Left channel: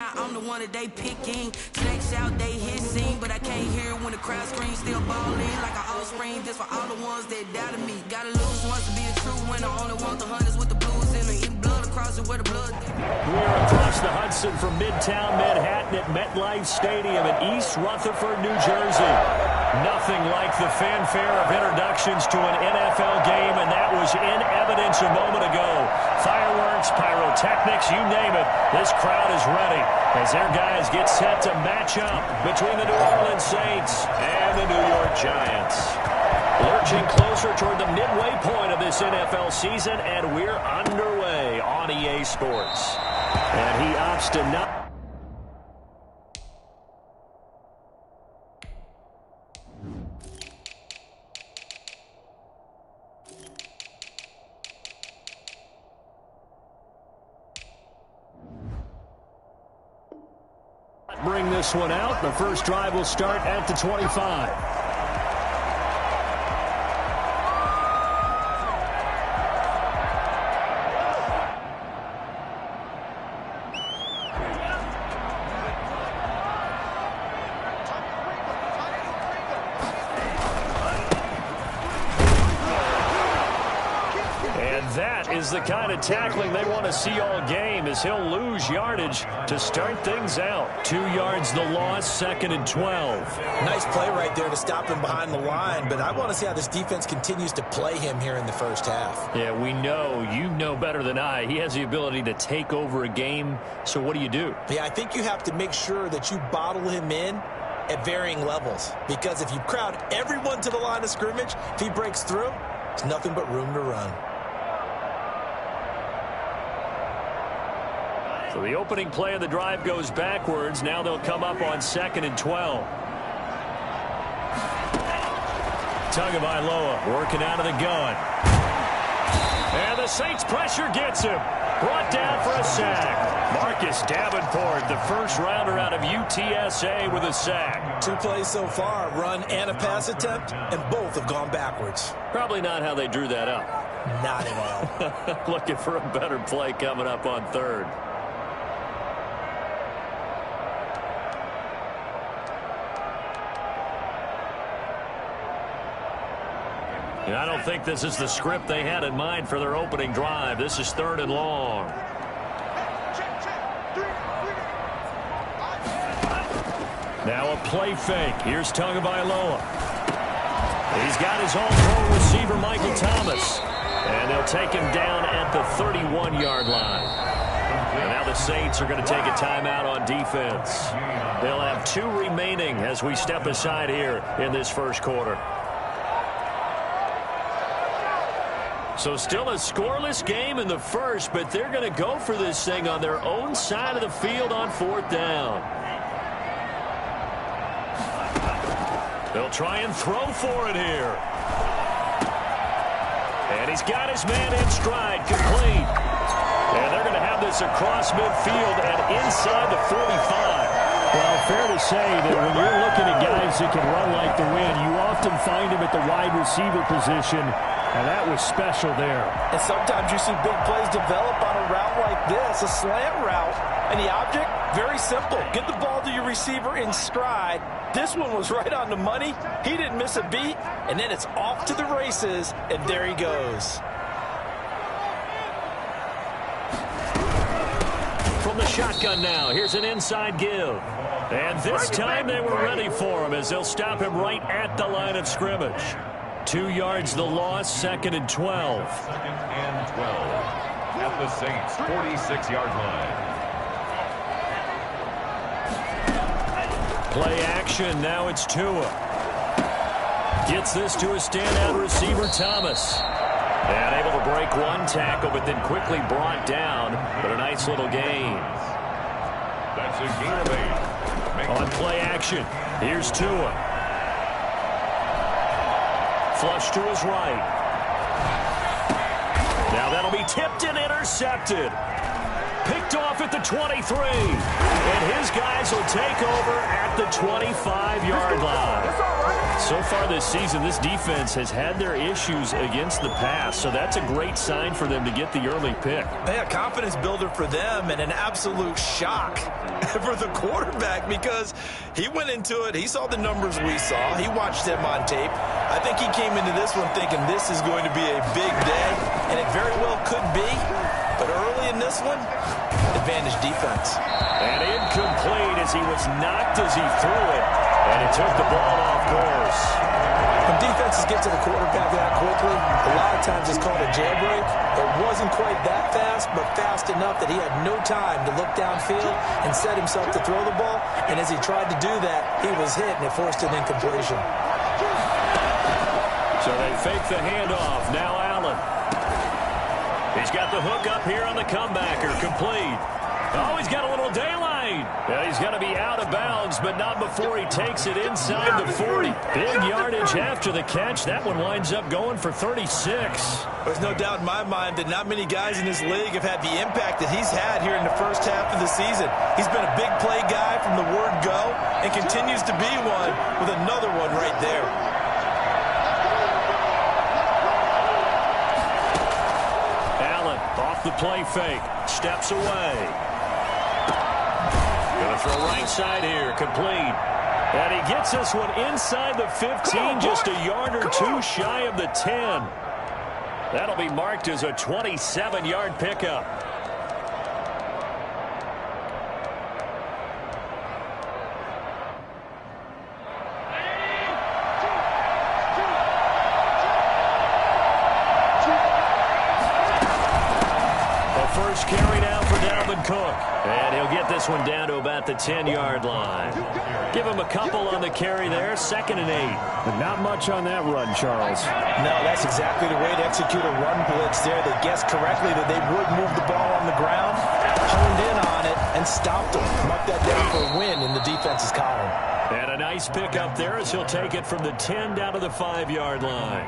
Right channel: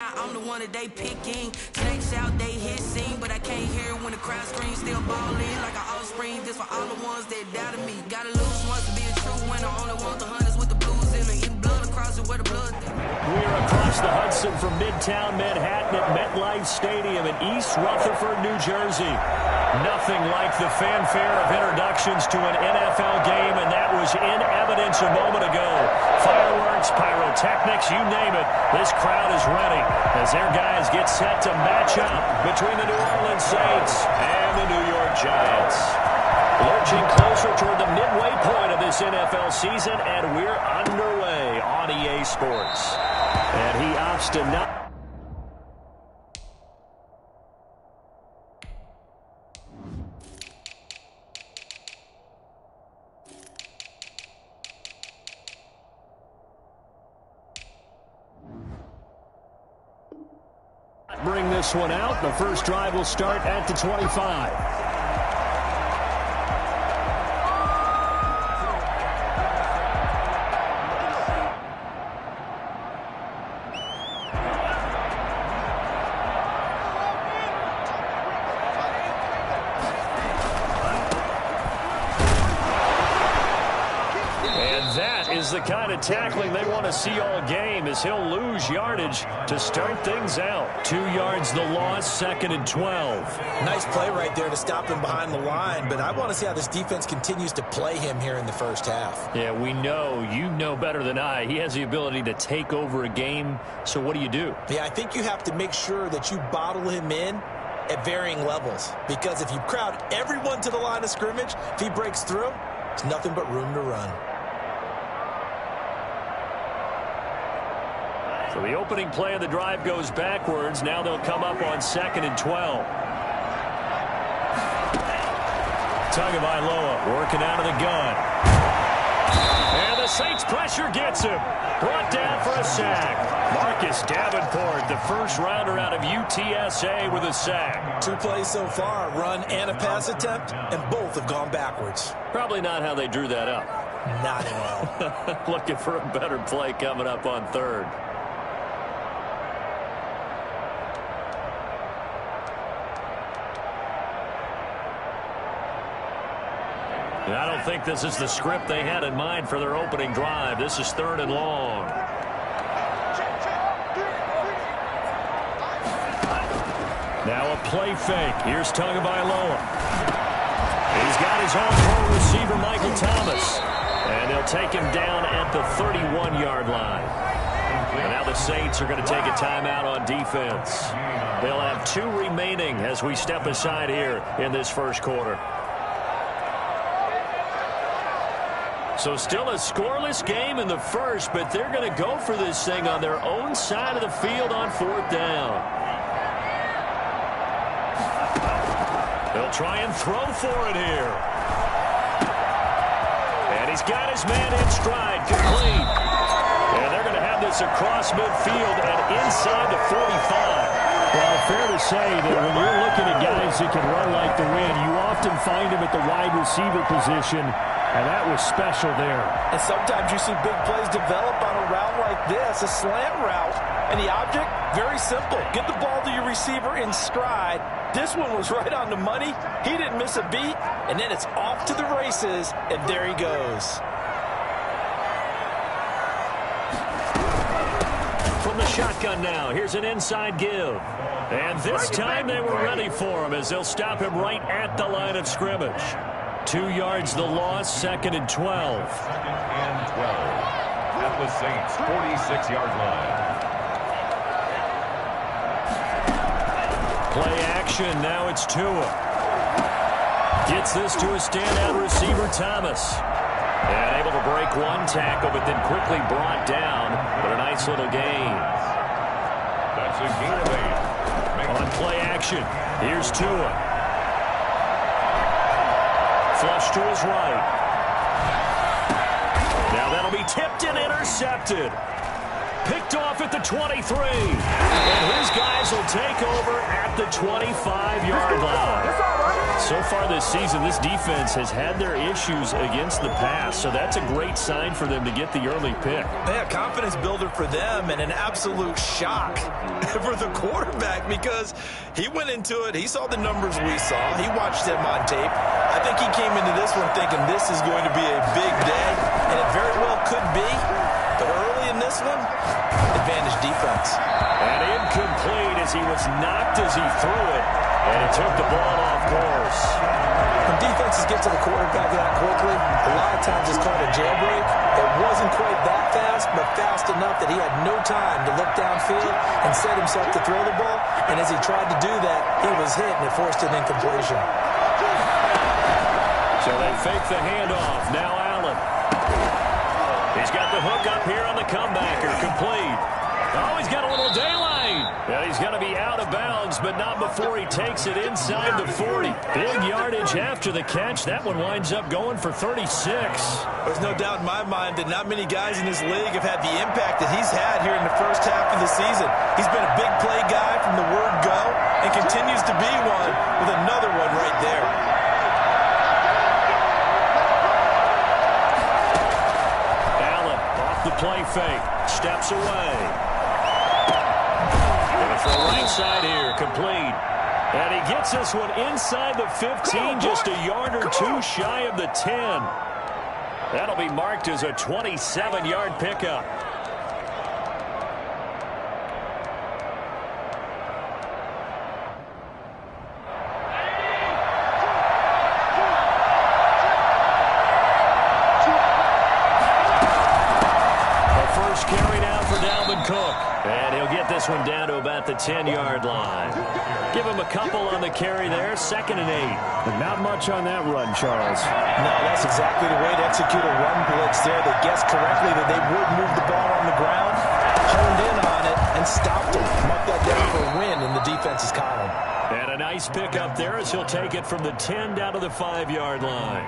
I'm the one that they picking. Snakes out, they hissing, but I can't hear when the crowd screams. Still balling like an offspring. This for all the ones that doubted me. Gotta lose once to be a true winner. Only want the hunters with the blues in them. Eating blood across it where the blood. We are across the Hudson from Midtown Manhattan at MetLife Stadium in East Rutherford, New Jersey. Nothing like the fanfare of introductions to an NFL game, and that was in evidence a moment ago. Fireworks, pyrotechnics, you name it. This crowd is ready as their guys get set to match up between the New Orleans Saints and the New York Giants. Lurching closer toward the midway point of this NFL season, and we're underway on EA Sports. And he opts to not. Bring this one out. The first drive will start at the 25. That is the kind of tackling they want to see all game, as he'll lose yardage to start things out. 2 yards the loss, 2nd and 12. Nice play right there to stop him behind the line, but I want to see how this defense continues to play him here in the first half. Yeah, we know. You know better than I. He has the ability to take over a game, so what do you do? Yeah, I think you have to make sure that you bottle him in at varying levels, because if you crowd everyone to the line of scrimmage, if he breaks through, there's nothing but room to run. So the opening play of the drive goes backwards. Now they'll come up on 2nd and 12. Tagovailoa working out of the gun. And the Saints pressure gets him. Brought down for a sack. Marcus Davenport, the first rounder out of UTSA, with a sack. 2 plays so far, run and a pass attempt, and both have gone backwards. Probably not how they drew that up. Not at all. Looking for a better play coming up on 3rd. I don't think this is the script they had in mind for their opening drive. This is 3rd and long. Now a play fake. Here's Tagovailoa. He's got his all-pro receiver, Michael Thomas. And they'll take him down at the 31-yard line. And now the Saints are going to take a timeout on defense. They'll have 2 remaining as we step aside here in this first quarter. So still a scoreless game in the first, but they're going to go for this thing on their own side of the field on 4th down. They'll try and throw for it here. And he's got his man in stride, complete. And they're going to have this across midfield and inside the 45. Well, fair to say that when you're looking at guys that can run like the wind, you often find them at the wide receiver position. And that was special there. And sometimes you see big plays develop on a route like this, a slant route. And the object, very simple. Get the ball to your receiver in stride. This one was right on the money. He didn't miss a beat. And then it's off to the races. And there he goes. From the shotgun now, here's an inside give. And this time they were ready for him as they'll stop him right at the line of scrimmage. 2 yards the loss, 2nd and 12. 2nd and 12 at the Saints' 46-yard line. Play action, now it's Tua. Gets this to a standout receiver, Thomas. And able to break 1 tackle, but then quickly brought down. But a nice little gain. That's a gain of 8. On play action, here's Tua. Flush to his right. Now that'll be tipped and intercepted. Picked off at the 23. And his guys will take over at the 25-yard line. so far this season, this defense has had their issues against the pass, so that's a great sign for them to get the early pick. Yeah, confidence builder for them and an absolute shock for the quarterback because he went into it. He saw the numbers we saw. He watched them on tape. I think he came into this one thinking this is going to be a big day, and it very well could be. But early in this one, advantage defense. And incomplete as he was knocked as he threw it, and he took the ball off course. When defenses get to the quarterback that quickly, a lot of times it's called a jailbreak. It wasn't quite that fast, but fast enough that he had no time to look downfield and set himself to throw the ball. And as he tried to do that, he was hit, and it forced an incompletion. So they fake the handoff. Now Allen. He's got the hook up here on the comebacker. Complete. Oh, he's got a little daylight. And he's going to be out of bounds, but not before he takes it inside the 40. Big yardage after the catch. That one winds up going for 36. There's no doubt in my mind that not many guys in this league have had the impact that he's had here in the first half of the season. He's been a big play guy from the word go and continues to be one with another one right there. Allen off the play fake. Steps away. Going to throw right side here. Complete. And he gets this one inside the 15, just a yard or two shy of the 10. That'll be marked as a 27-yard pickup. First carry now for Dalvin Cook. And he'll get this one down to about the 10-yard line. Give him a couple on the carry there. 2nd and 8. But not much on that run, Charles. No, that's exactly the way to execute a run blitz there. They guessed correctly that they would move the ball on the ground, honed in on it, and stopped them. Mark that down for a win in the defense's column. And a nice pickup there as he'll take it from the 10 down to the 5-yard line.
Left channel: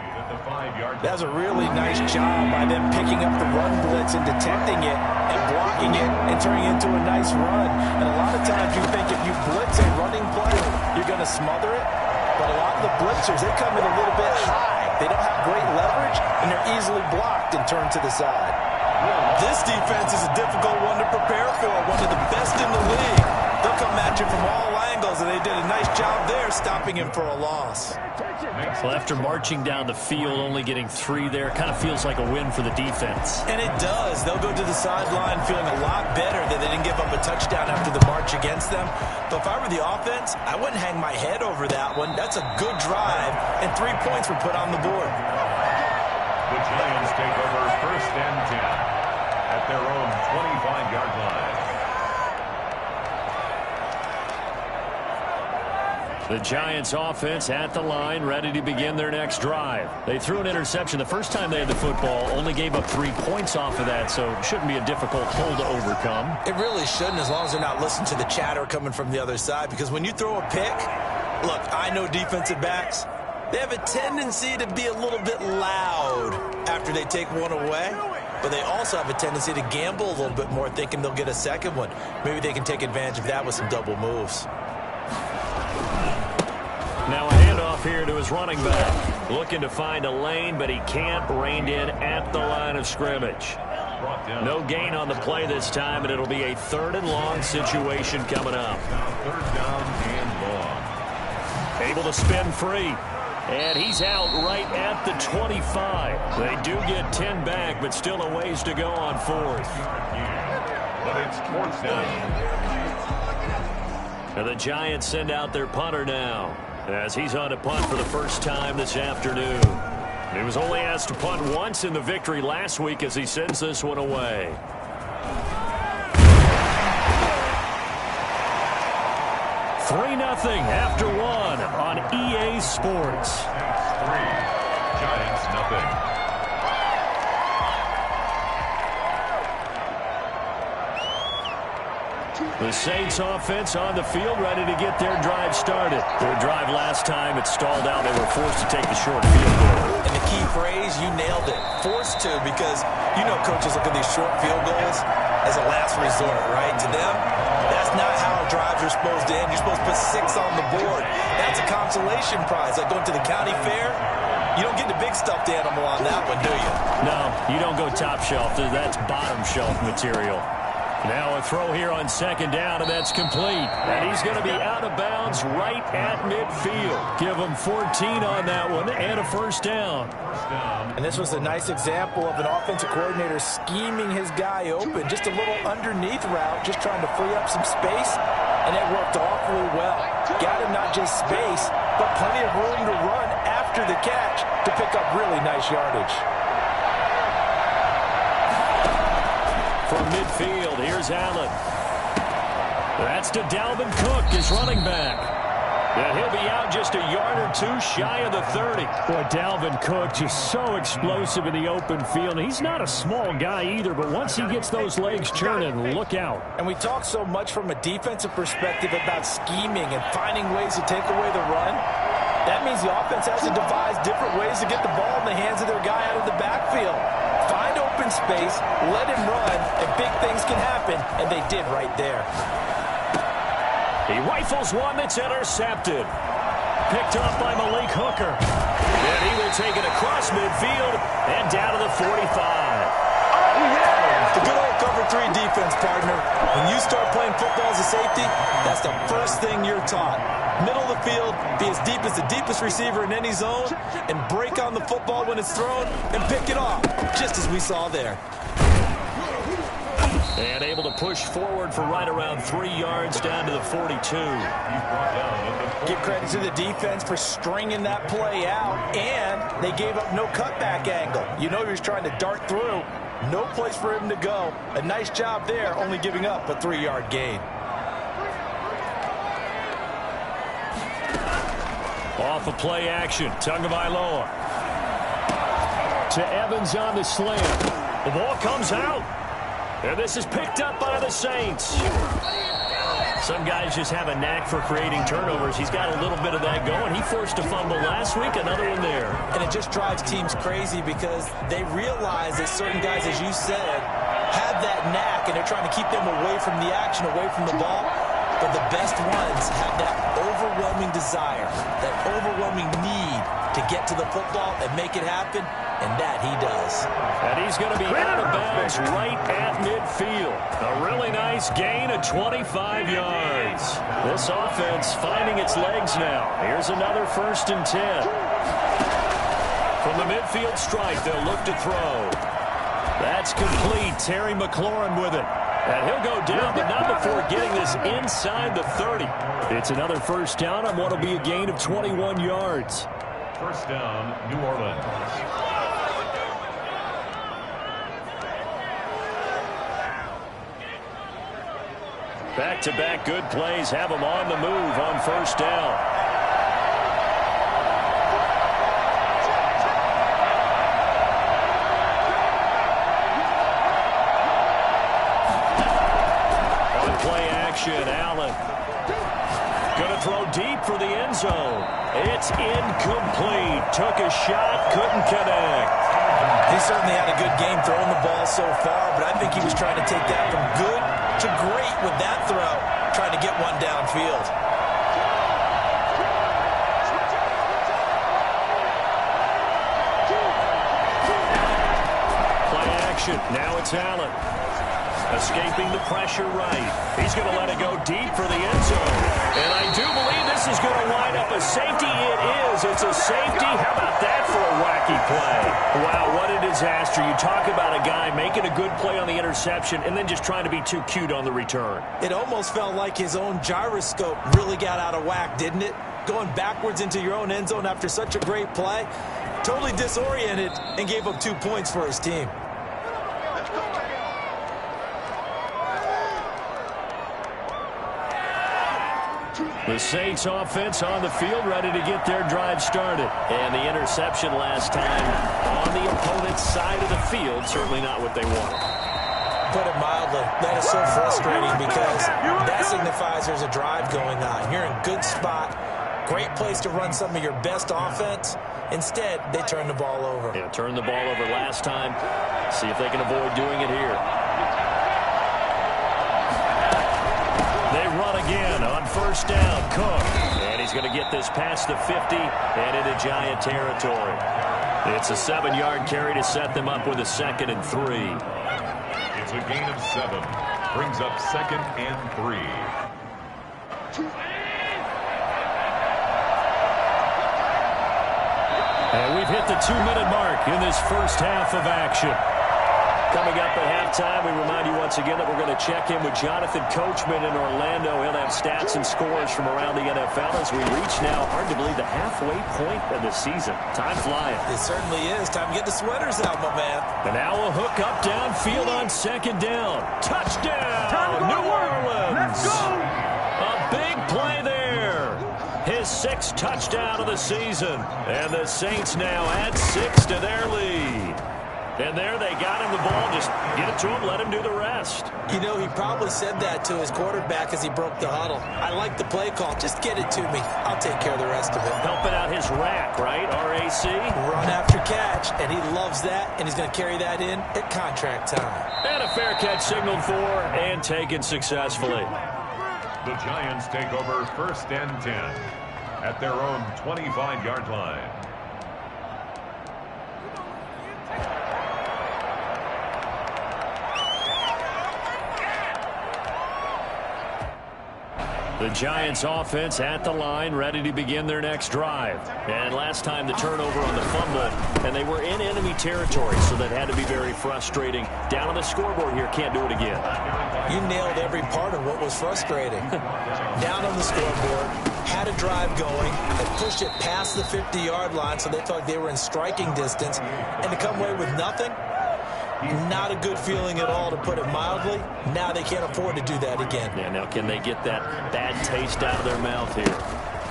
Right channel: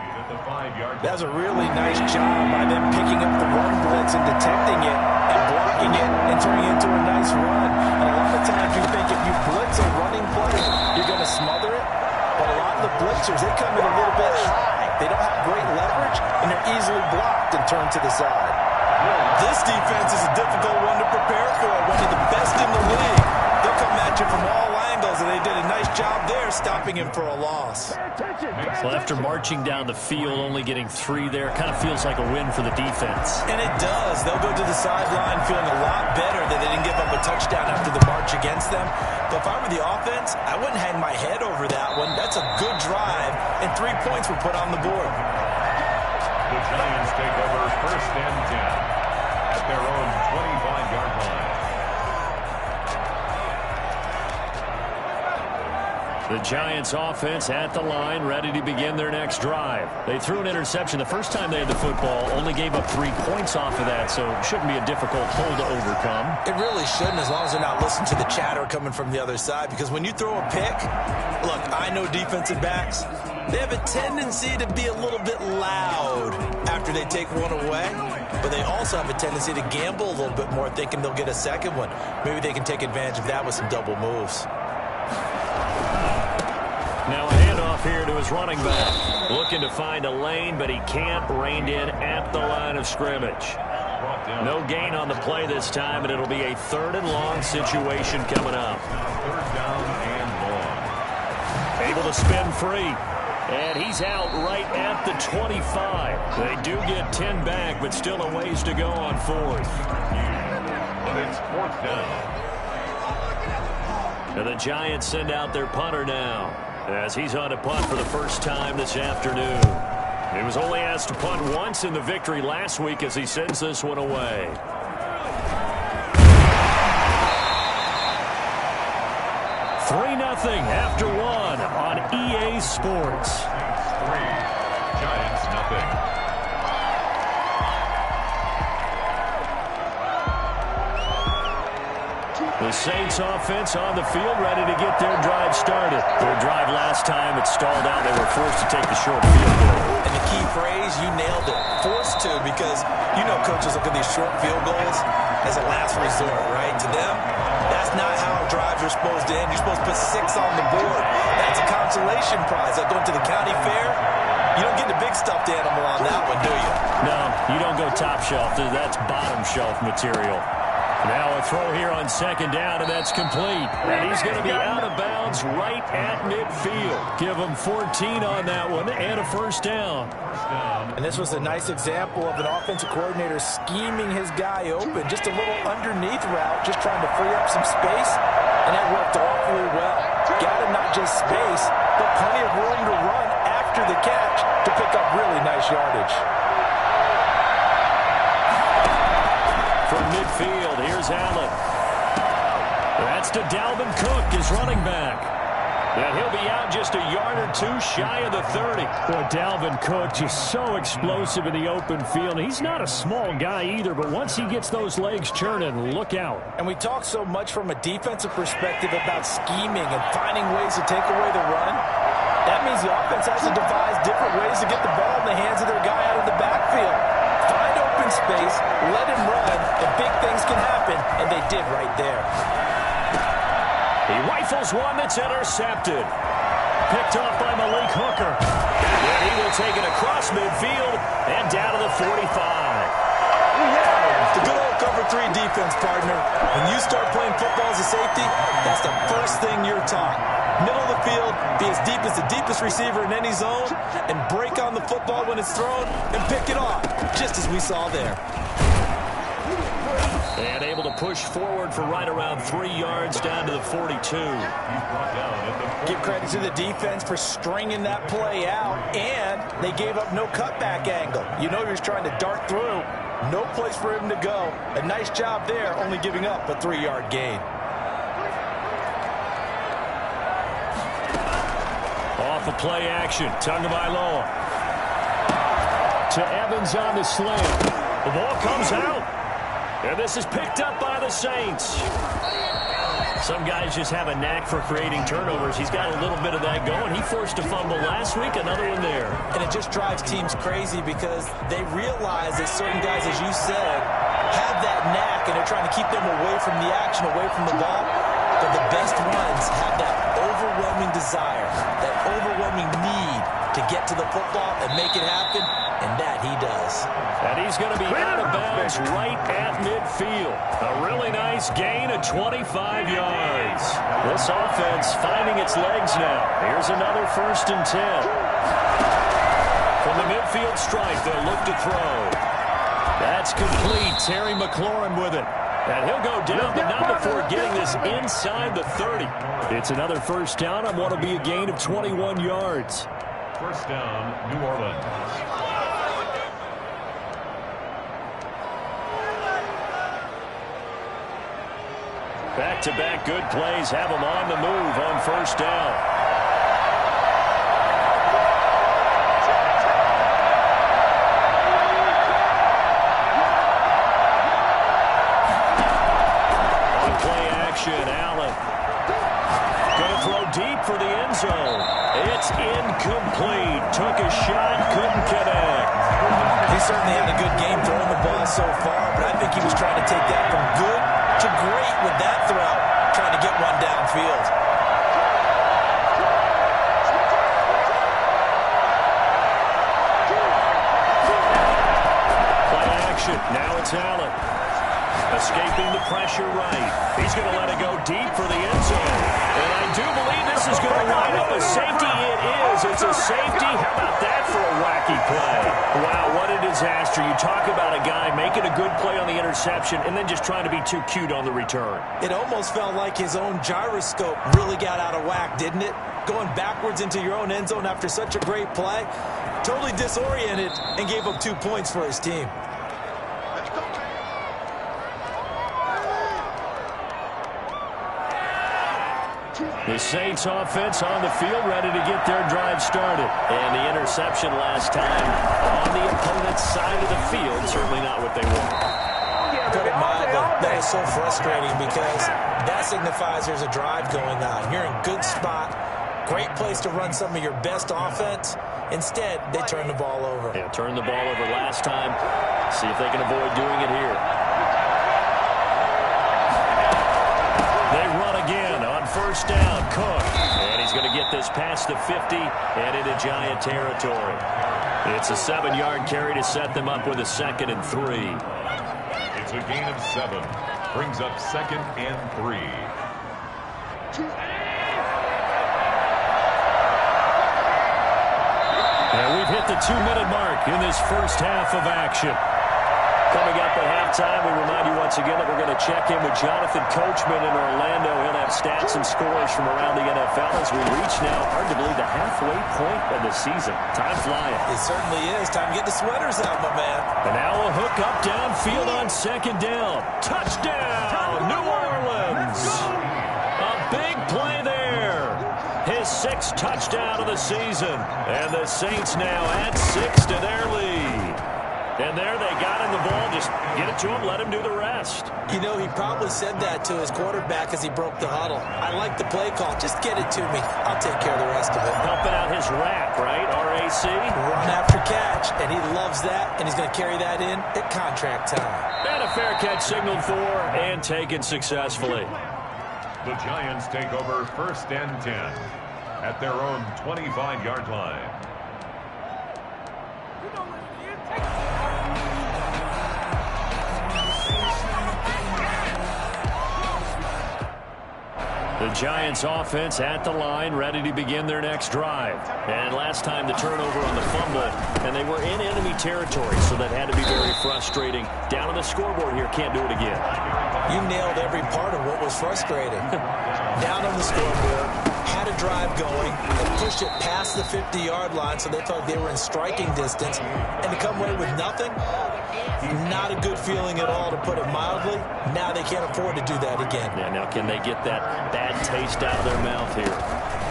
That was a really nice job by them picking up the run blitz and detecting it and blocking it and turning it into a nice run. And a lot of times you think if you blitz a running play, you're going to smother it. But a lot of the blitzers, they come in a little bit high. They don't have great leverage, and they're easily blocked and turned to the side. This defense is a difficult one to prepare for, one of the best in the league. They'll come at you from all angles, and they did a nice job there stopping him for a loss. Well, after marching down the field, only getting 3 there, kind of feels like a win for the defense. And it does. They'll go to the sideline feeling a lot better that they didn't give up a touchdown after the march against them. But if I were the offense, I wouldn't hang my head over that one. That's a good drive, and 3 points were put on the board. The Giants take over 1st and 10 at their own 25-yard line. The Giants offense at the line, ready to begin their next drive. They threw an interception the first time they had the football, only gave up 3 points off of that, so it shouldn't be a difficult hole to overcome. It really shouldn't, as long as they're not listening to the chatter coming from the other side, because when you throw a pick, look, I know defensive backs, they have a tendency to be a little bit loud after they take one away, but they also have a tendency to gamble a little bit more, thinking they'll get a second one. Maybe they can take advantage of that with some double moves. Now a handoff here to his running back. Looking to find a lane, but he can't. Reined in at the line of scrimmage. No gain on the play this time, and it'll be a 3rd and long situation coming up. 3rd down and long. Able to spin free. And he's out right at the 25. They do get 10 back, but still a ways to go on 4th. But it's 4th down. And the Giants send out their punter now, as he's on a punt for the first time this afternoon. He was only asked to punt once in the victory last week as he sends this one away. Nothing after 1 on EA Sports. 3, Giants nothing. The Saints offense on the field, ready to get their drive started. Their drive last time, it stalled out. They were forced to take the short field goal. And the key phrase, you nailed it. Forced to, because you know coaches look at these short field goals as a last resort, right? To them, that's not how a drives are supposed to end. You're supposed to put 6 on the board. That's a consolation prize. Like going to the county fair, you don't get the big stuffed animal on that one, do you? No, you don't go top shelf. That's bottom shelf material. Now a throw here on second down, and that's complete. And he's going to be out of bounds right at midfield. Give him 14 on that one and a first down. And this was a nice example of an offensive coordinator scheming his guy open. Just a little underneath route, just trying to free up some space, and it worked awfully well. Got him not just space, but plenty of room to run after the catch to pick up really nice yardage. From midfield, here's Allen. That's to Dalvin Cook, his running back. And he'll be out just a yard or two shy of the 30. Boy, Dalvin Cook just so explosive in the open field. He's not a small guy either, but once he gets those legs churning, look out. And we talk so much from a defensive perspective about scheming and finding ways to take away the run. That means the offense has to devise different ways to get the ball in the hands of their guy out of the backfield. Find open space, let him run, and big things can happen, and they did right there. He rifles one that's intercepted. Picked off by Malik Hooker. And he will take it across midfield and down to the 45. The good old cover 3 defense, partner. When you start playing football as a safety, that's the first thing you're taught. Middle of the field, be as deep as the deepest receiver in any zone, and break on the football when it's thrown and pick it off, just as we saw there. And able to push forward for right around 3 yards down to the 42. Give credit to the defense for stringing that play out, and they gave up no cutback angle. You know he was trying to dart through. No place for him to go. A nice job there, only giving up a 3-yard gain. Off of play action, Tagovailoa. To Evans on the slant. The ball comes out. And this is picked up by the Saints. Some guys just have a knack for creating turnovers. He's got a little bit of that going. He forced a fumble last week, another one there. And it just drives teams crazy because they realize that certain guys, as you said, have that knack, and they're trying to keep them away from the action, away from the ball. But the best ones have that overwhelming desire, that overwhelming need to get to the football and make it happen, and that he does. And he's going to be out of bounds right at midfield. A really nice gain of 25 yards. This offense finding its legs now. Here's another 1st and 10. From the midfield stripe, they'll look to throw. That's complete. Terry McLaurin with it. And he'll go down, but not before getting this inside the 30. It's another first down on what will be a gain of 21 yards. First down, New Orleans. Back-to-back good plays have them on the move on first down. On play action, Allen. Going to throw deep for the end zone. It's incomplete. Took a shot, couldn't connect. He certainly had a good game throwing the ball so far, but I think he was trying to take that from good to great with that throw, trying to get one downfield. Play action. Now it's Allen. Escaping the pressure right. He's going to let it go deep for the end zone. And I do believe this is going to wind up a safety. It is. It's a safety. How about that for a wacky play? Wow, what a disaster. You talk about a guy making a good play on the interception and then just trying to be too cute on the return. It almost felt like his own gyroscope really got out of whack, didn't it? Going backwards into your own end zone after such a great play. Totally disoriented and gave up 2 points for his team. The Saints offense on the field, ready to get their drive started. And the interception last time on the opponent's side of the field, certainly not what they want. Put it mildly, that is so frustrating because that signifies there's a drive going on. You're in good spot, great place to run some of your best offense. Instead, they turn the ball over. Yeah, turned the ball over last time. See if they can avoid doing it here. They run down again on first down. Cook. And he's going to get this past the 50 and into Giant territory. It's a 7-yard carry to set them up with a 2nd and 3. It's a gain of 7. Brings up 2nd and 3. And we've hit the 2-minute mark in this first half of action. Coming up at halftime, we remind you once again that we're going to check in with Jonathan Coachman in Orlando. He'll have stats and scores from around the NFL as we reach now, hard to believe, the halfway point of the season. Time flying. It certainly is. Time to get the sweaters out, my man. And now a hook up downfield on 2nd down. Touchdown, New Orleans. Let's go. A big play there. His 6th touchdown of the season. And the Saints now add 6 to their lead. And there they got him the ball. Just get it to him, let him do the rest. You know, he probably said that to his quarterback as he broke the huddle. I like the play call. Just get it to me. I'll take care of the rest of it. Helping out his rack, right? RAC. Run after catch, and he loves that, and he's going to carry that in at contract time. And a fair catch signaled for and taken successfully. The Giants take over 1st and 10 at their own 25-yard line. The Giants offense at the line, ready to begin their next drive. And last time the turnover on the fumble, and they were in enemy territory, so that had to be very frustrating. Down on the scoreboard here, can't do it again. You nailed every part of what was frustrating. Down on the scoreboard, had a drive going, and pushed it past the 50-yard line, so they thought they were in striking distance, and to come away with nothing, not a good feeling at all, to put it mildly. Now they can't afford to do that again. Yeah, now can they get that bad taste out of their mouth here?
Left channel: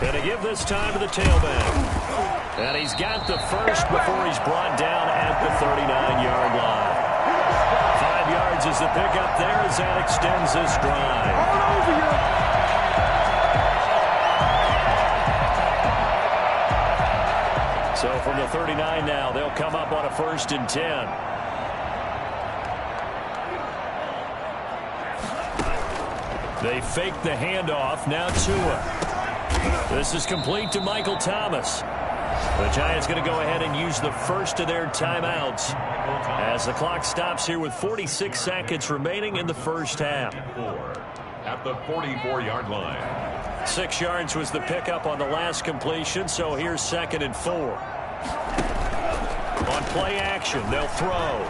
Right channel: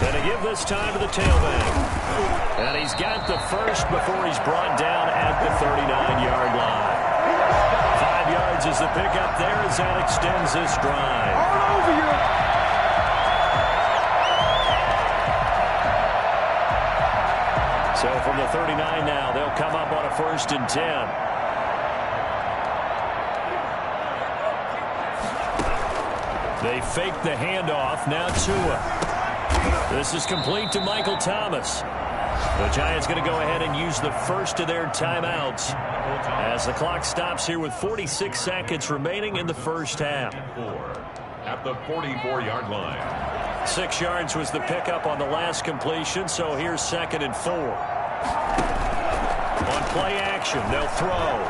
Going to give this time to the tailback. And he's got the first before he's brought down at the 39-yard line. 5 yards is the pickup there as that extends this drive. All over you. So from the 39 now, they'll come up on a 1st and 10. They fake the handoff. Now Tua. This is complete to Michael Thomas. The Giants going to go ahead and use the first of their timeouts as the clock stops here with 46 seconds remaining in the first half. At the 44-yard line. 6 yards was the pickup on the last completion, so here's 2nd and 4. On play action, they'll throw.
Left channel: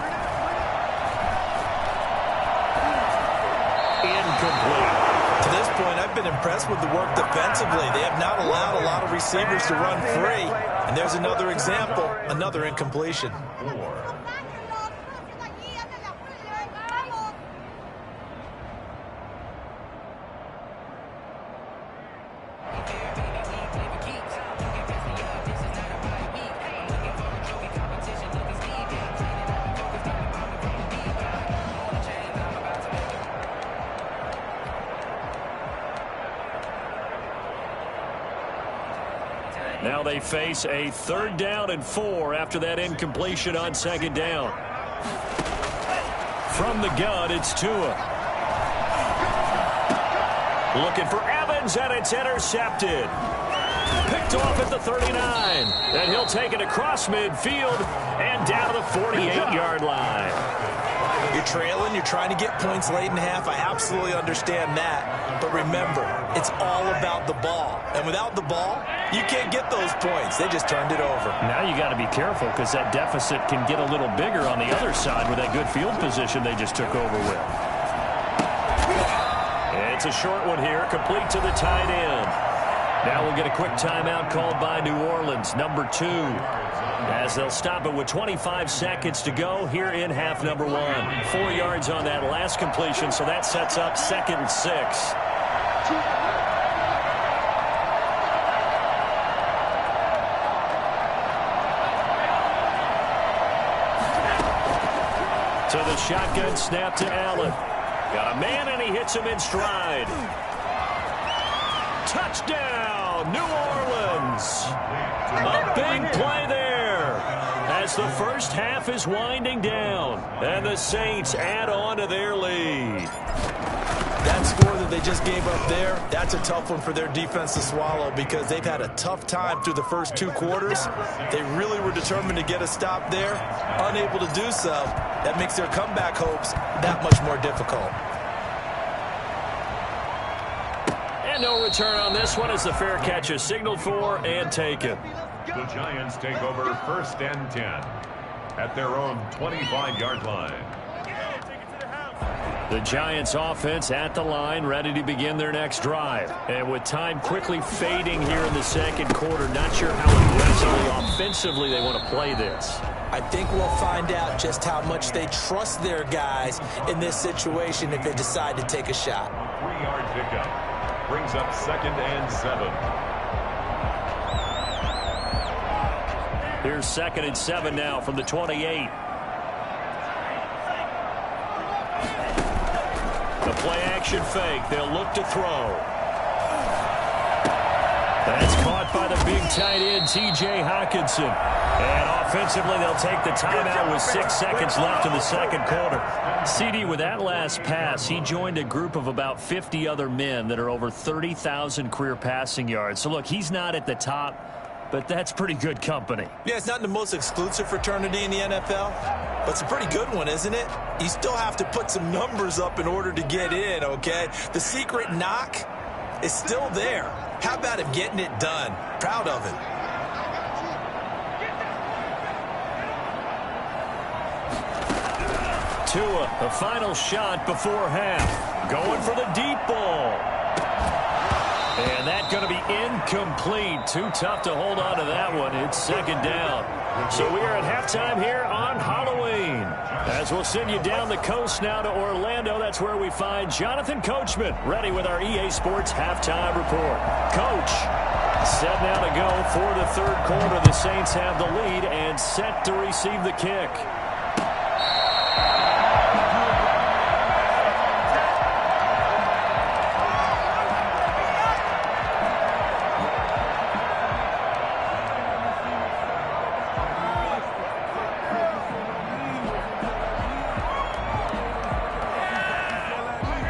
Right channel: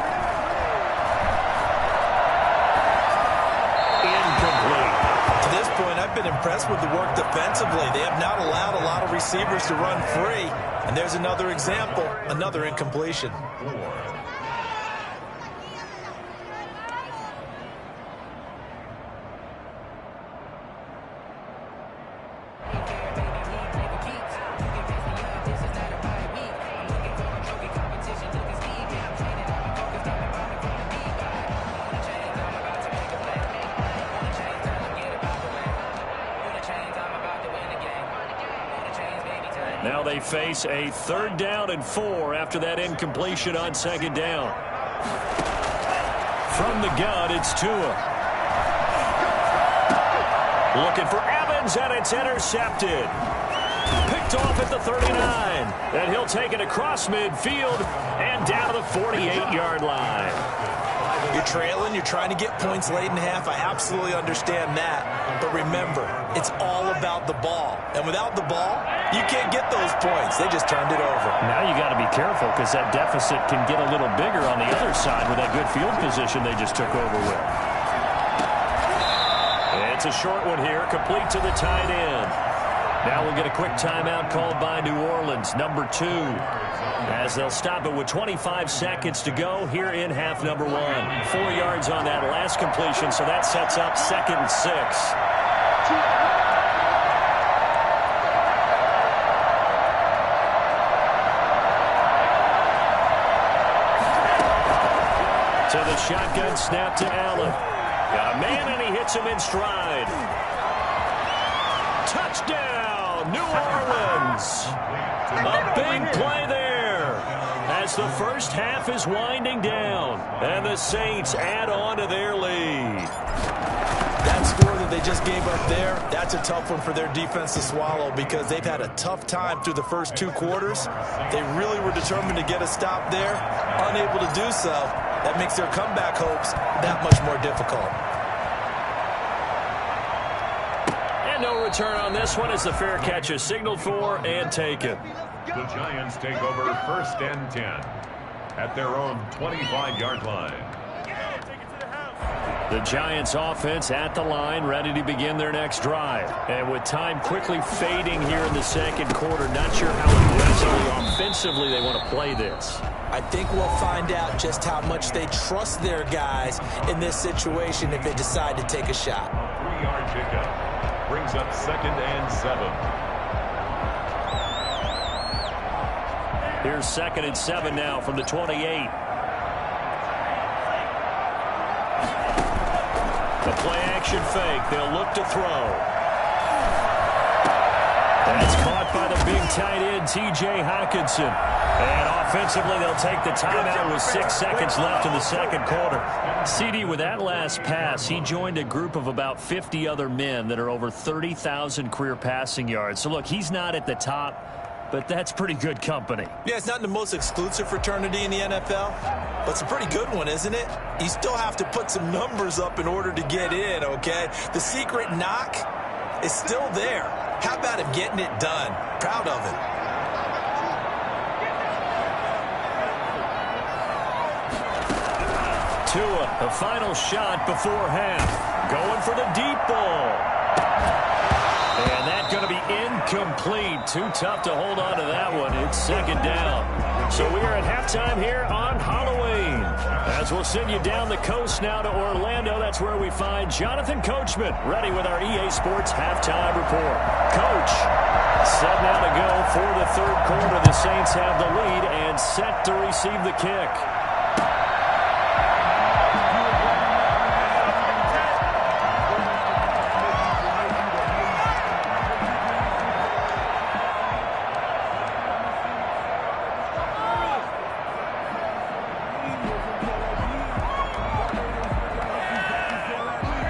Incomplete. To this point, I've been impressed with the work defensively. They have not allowed a lot of receivers to run free. And there's another example, another incompletion. 4. Now they face a 3rd down and 4 after that incompletion on 2nd down. From the gun, it's Tua. Looking for Evans, and it's intercepted. Picked off at the 39. And he'll take it across midfield and down to the 48-yard line. You're trailing, you're trying to get points late in half. I absolutely understand that. But remember, it's all about the ball. And without the ball, you can't get those points. They just turned it over. Now you got to be careful because that deficit can get a little bigger on the other side with that good field position they just took over with. It's a short one here, complete to the tight end. Now we'll get a quick timeout called by New Orleans, number 2. As they'll stop it with 25 seconds to go here in half number 1. 4 yards on that last completion, so that sets up 2nd and 6. To the shotgun snap to Allen. Got a man, and he hits him in stride. Touchdown, New Orleans. A big play there as the first half is winding down, and the Saints add on to their lead. That's score that they just gave up there, that's a tough one for their defense to swallow because they've had a tough time through the first 2 quarters. They really were determined to get a stop there, unable to do so. That makes their comeback hopes that much more difficult. And no return on this one as the fair catch is signaled for and taken. The Giants take over 1st and 10 at their own 25-yard line. The Giants offense at the line, ready to begin their next drive. And with time quickly fading here in the second quarter, not sure how aggressively offensively they want to play this. I think we'll find out just how much they trust their guys in this situation if they decide to take a shot. A 3-yard pickup brings up 2nd and 7. Here's 2nd and 7 now from the 28. The play-action fake. They'll look to throw. That's caught by the big tight end, T.J. Hockenson. And offensively, they'll take the timeout with 6 seconds left in the second quarter. CD, with that last pass, he joined a group of about 50 other men that are over 30,000 career passing yards. So, look, he's not at the top, but that's pretty good company. Yeah, it's not the most exclusive fraternity in the NFL, but it's a pretty good one, isn't it? You still have to put some numbers up in order to get in, okay? The secret knock is still there. How about him getting it done? Proud of it. Tua, the final shot before half. Going for the deep ball. And that's going to be incomplete. Too tough to hold on to that one. It's 2nd down. So we are at halftime here on Halloween. As we'll send you down the coast now to Orlando, that's where we find Jonathan Coachman, ready with our EA Sports halftime report. Coach, set now to go for the third quarter. The Saints have the lead and set to receive the kick.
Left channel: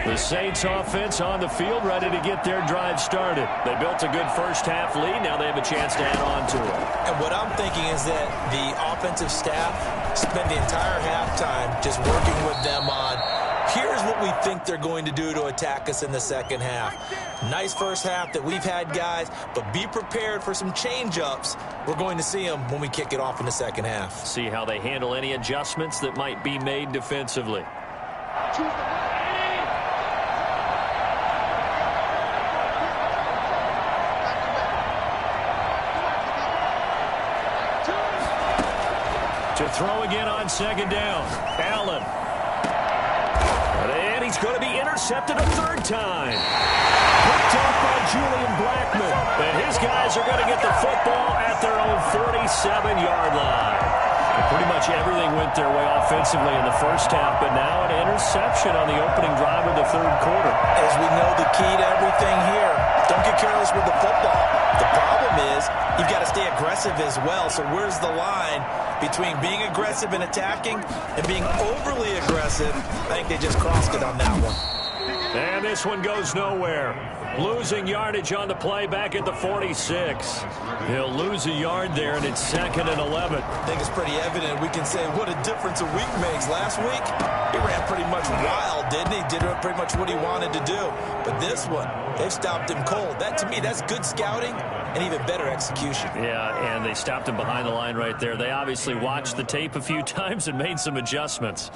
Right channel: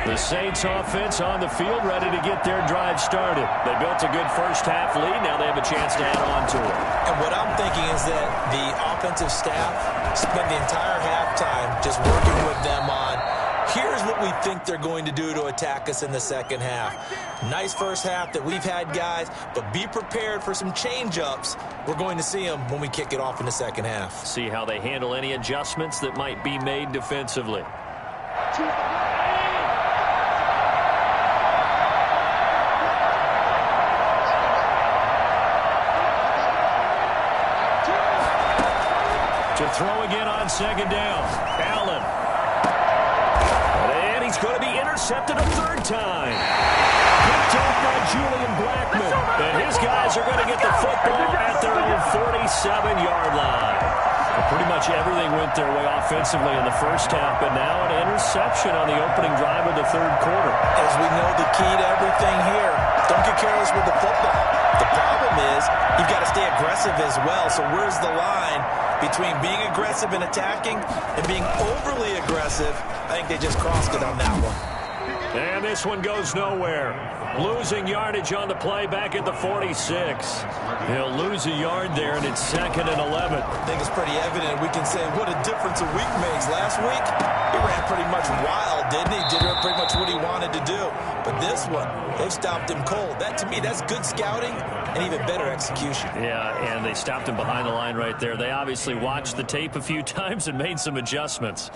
The Saints offense on the field, ready to get their drive started. They built a good first half lead. Now they have a chance to add on to it. And what I'm thinking is that the offensive staff spent the entire halftime just working with them on, here's what we think they're going to do to attack us in the second half. Nice first half that we've had, guys, but be prepared for some change-ups. We're going to see them when we kick it off in the second half. See how they handle any adjustments that might be made defensively. To throw again on 2nd down. Allen. And he's going to be intercepted a 3rd time. Picked off by Julian Blackmon. And his guys are going to get the football at their own 47-yard line. Pretty much everything went their way offensively in the first half, but now an interception on the opening drive of the third quarter. As we know, the key to everything here, don't get careless with the football. The problem is you've got to stay aggressive as well. So where's the line between being aggressive and attacking and being overly aggressive? I think they just crossed it on that one. And this one goes nowhere. Losing yardage on the play back at the 46. He'll lose a yard there, and it's 2nd and 11. I think it's pretty evident. We can say what a difference a week makes. Last week, he ran pretty much wild, didn't he? Did pretty much what he wanted to do. But this one, they've stopped him cold. That, to me, that's good scouting and even better execution. Yeah, and they stopped him behind the line right there. They obviously watched the tape a few times and made some adjustments.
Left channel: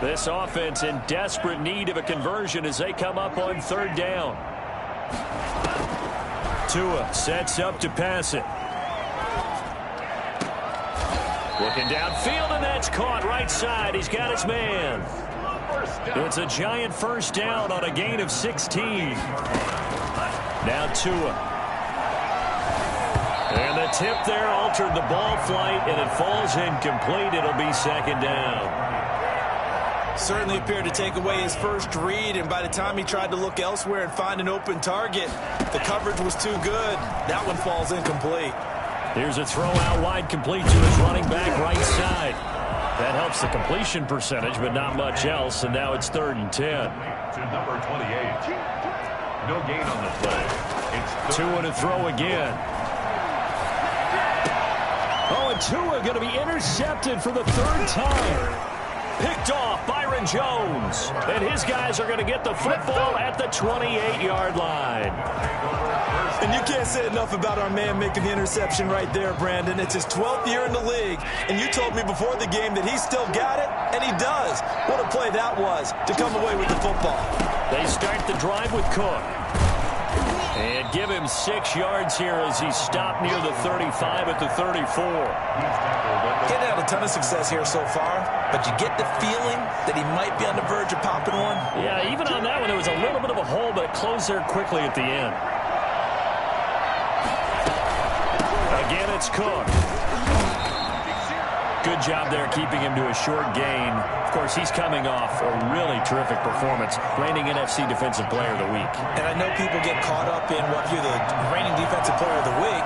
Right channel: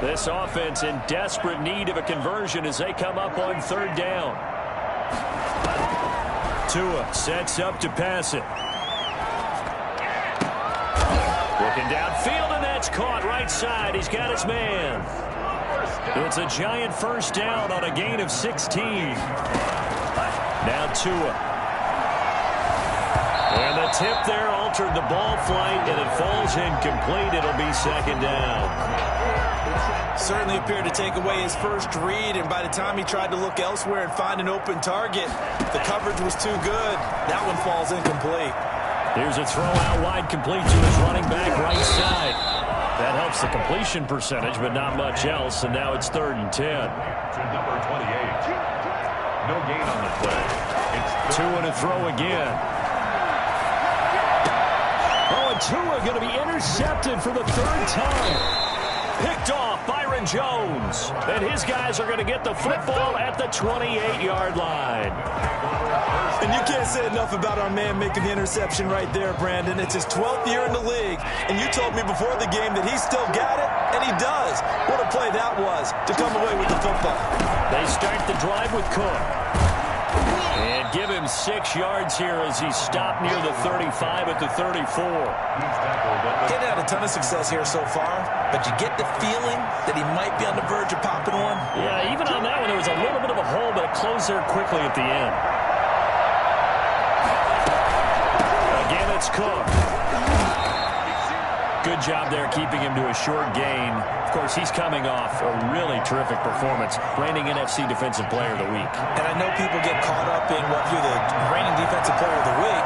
This offense in desperate need of a conversion as they come up on 3rd down. Tua sets up to pass it. Looking downfield, and that's caught right side. He's got his man. It's a giant first down on a gain of 16. Now Tua. And the tip there altered the ball flight, and it falls incomplete. It'll be second down. Certainly appeared to take away his first read, and by the time he tried to look elsewhere and find an open target, the coverage was too good. That one falls incomplete. Here's a throw out wide, complete to his running back right side. That helps the completion percentage, but not much else, and now it's 3rd and 10. To number 28. No gain on the play. It's Tua to throw again. Oh, and Tua going to be intercepted for the 3rd time. Picked off Byron Jones. And his guys are going to get the football at the 28-yard line. And you can't say enough about our man making the interception right there, Brandon. It's his 12th year in the league, and you told me before the game that he still got it, and he does. What a play that was to come away with the football. They start the drive with Cook. And give him 6 yards here as he's stopped near the 35 at the 34. He's had a ton of success here so far, but you get the feeling that he might be on the verge of popping one. Yeah, even on that one, there was a little bit of a hole, but it closed there quickly at the end. Again, it's Cook. Good job there keeping him to a short gain. Of course, he's coming off a really terrific performance, reigning NFC Defensive Player of the Week. And I know people get caught up in what you're the reigning Defensive Player of the Week.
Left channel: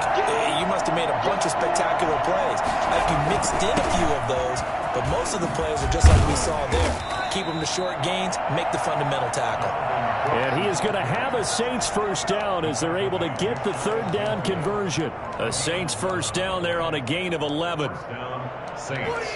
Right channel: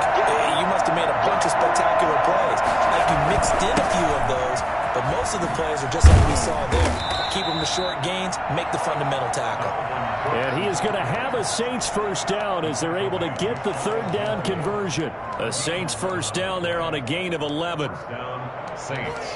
You must have made a bunch of spectacular plays. Like you mixed in a few of those, but most of the plays are just like we saw there. Keep them to short gains, make the fundamental tackle. And he is going to have a Saints first down as they're able to get the 3rd down conversion. A Saints first down there on a gain of 11. down Saints.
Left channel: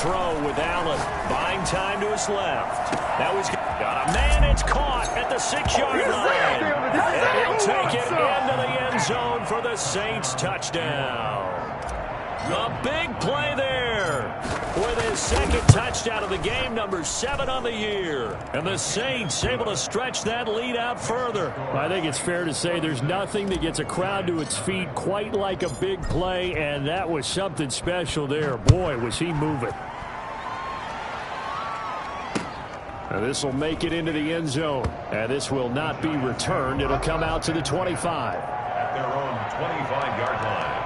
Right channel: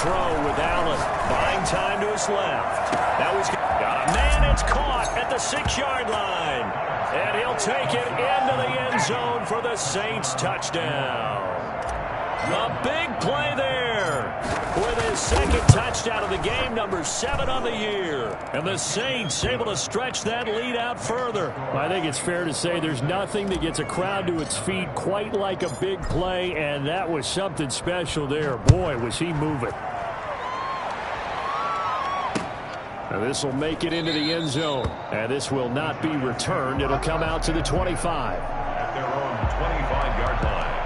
Throw with Allen, buying time to his left. Now he's got a man. It's caught at the 6-yard line. And he'll take it into the end zone for the Saints touchdown. A big play there with his 2nd touchdown of the game, number 7 on the year. And the Saints able to stretch that lead out further. I think it's fair to say there's nothing that gets a crowd to its feet quite like a big play, and that was something special there. Boy, was he moving. Now this will make it into the end zone, and this will not be returned. It'll come out to the 25. At their own 25-yard line.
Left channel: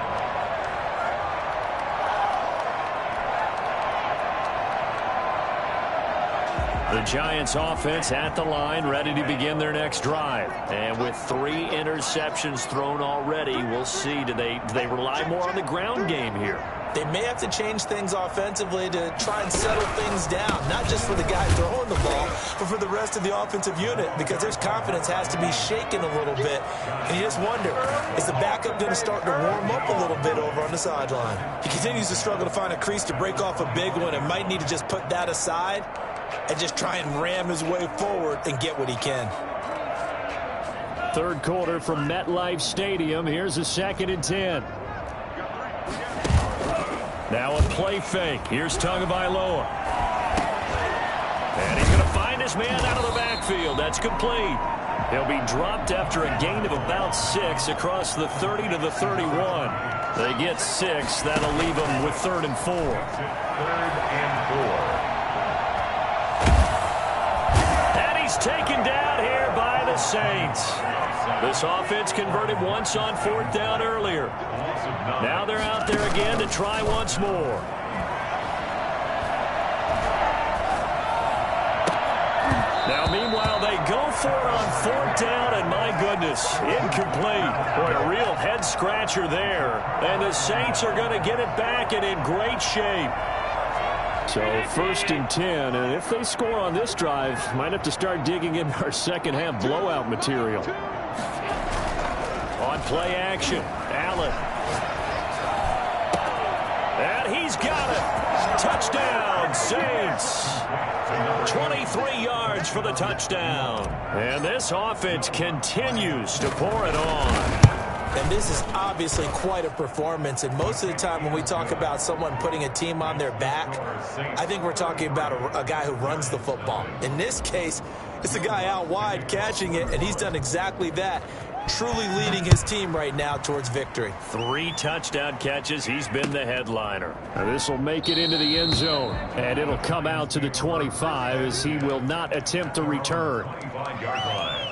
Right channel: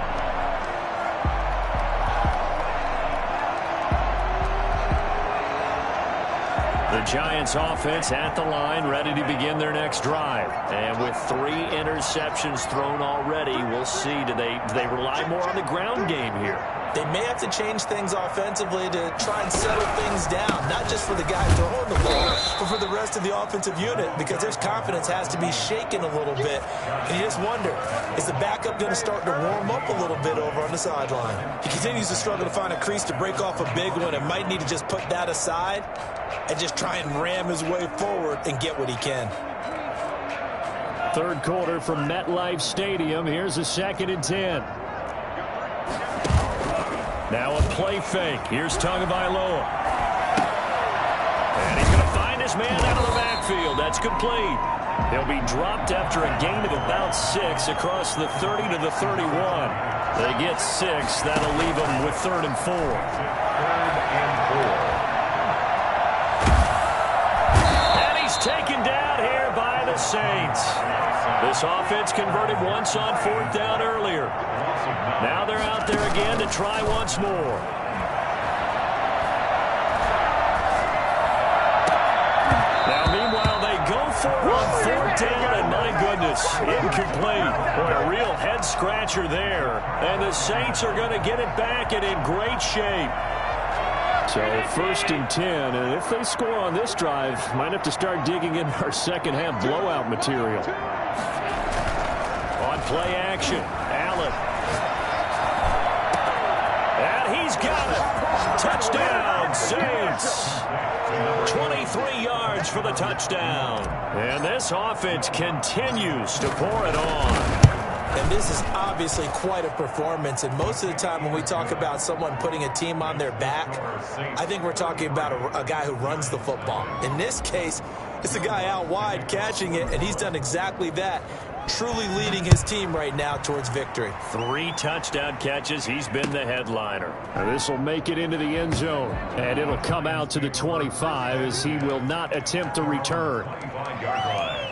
The Giants offense at the line, ready to begin their next drive. And with 3 interceptions thrown already, we'll see. Do they rely more on the ground game here? They may have to change things offensively to try and settle things down, not just for the guy throwing the ball, but for the rest of the offensive unit, because their confidence has to be shaken a little bit. And you just wonder, is the backup going to start to warm up a little bit over on the sideline? He continues to struggle to find a crease to break off a big one and might need to just put that aside and just try and ram his way forward and get what he can. 3rd quarter from MetLife Stadium. Here's a 2nd and 10. Now a play fake. Here's Tagovailoa. And he's going to find his man out of the backfield. That's complete. He'll be dropped after a gain of about 6 across the 30 to the 31. They get 6. That'll leave them with 3rd and 4. 3rd and 4. Taken down here by the Saints. This offense converted once on 4th down earlier. Now they're out there again to try once more. Now, meanwhile, they go for it on 4th down, and my goodness, incomplete. Boy, a real head-scratcher there. And the Saints are going to get it back and in great shape. So 1st and 10, and if they score on this drive, might have to start digging in our second-half blowout material. On play action, Allen. And he's got it. Touchdown, Saints. 23 yards for the touchdown. And this offense continues to pour it on. And this is obviously quite a performance. And most of the time when we talk about someone putting a team on their back, I think we're talking about a guy who runs the football. In this case, it's a guy out wide catching it, and he's done exactly that. Truly leading his team right now towards victory. 3 touchdown catches. He's been the headliner. This will make it into the end zone, and it'll come out to the 25 as he will not attempt to return. 25-yard line.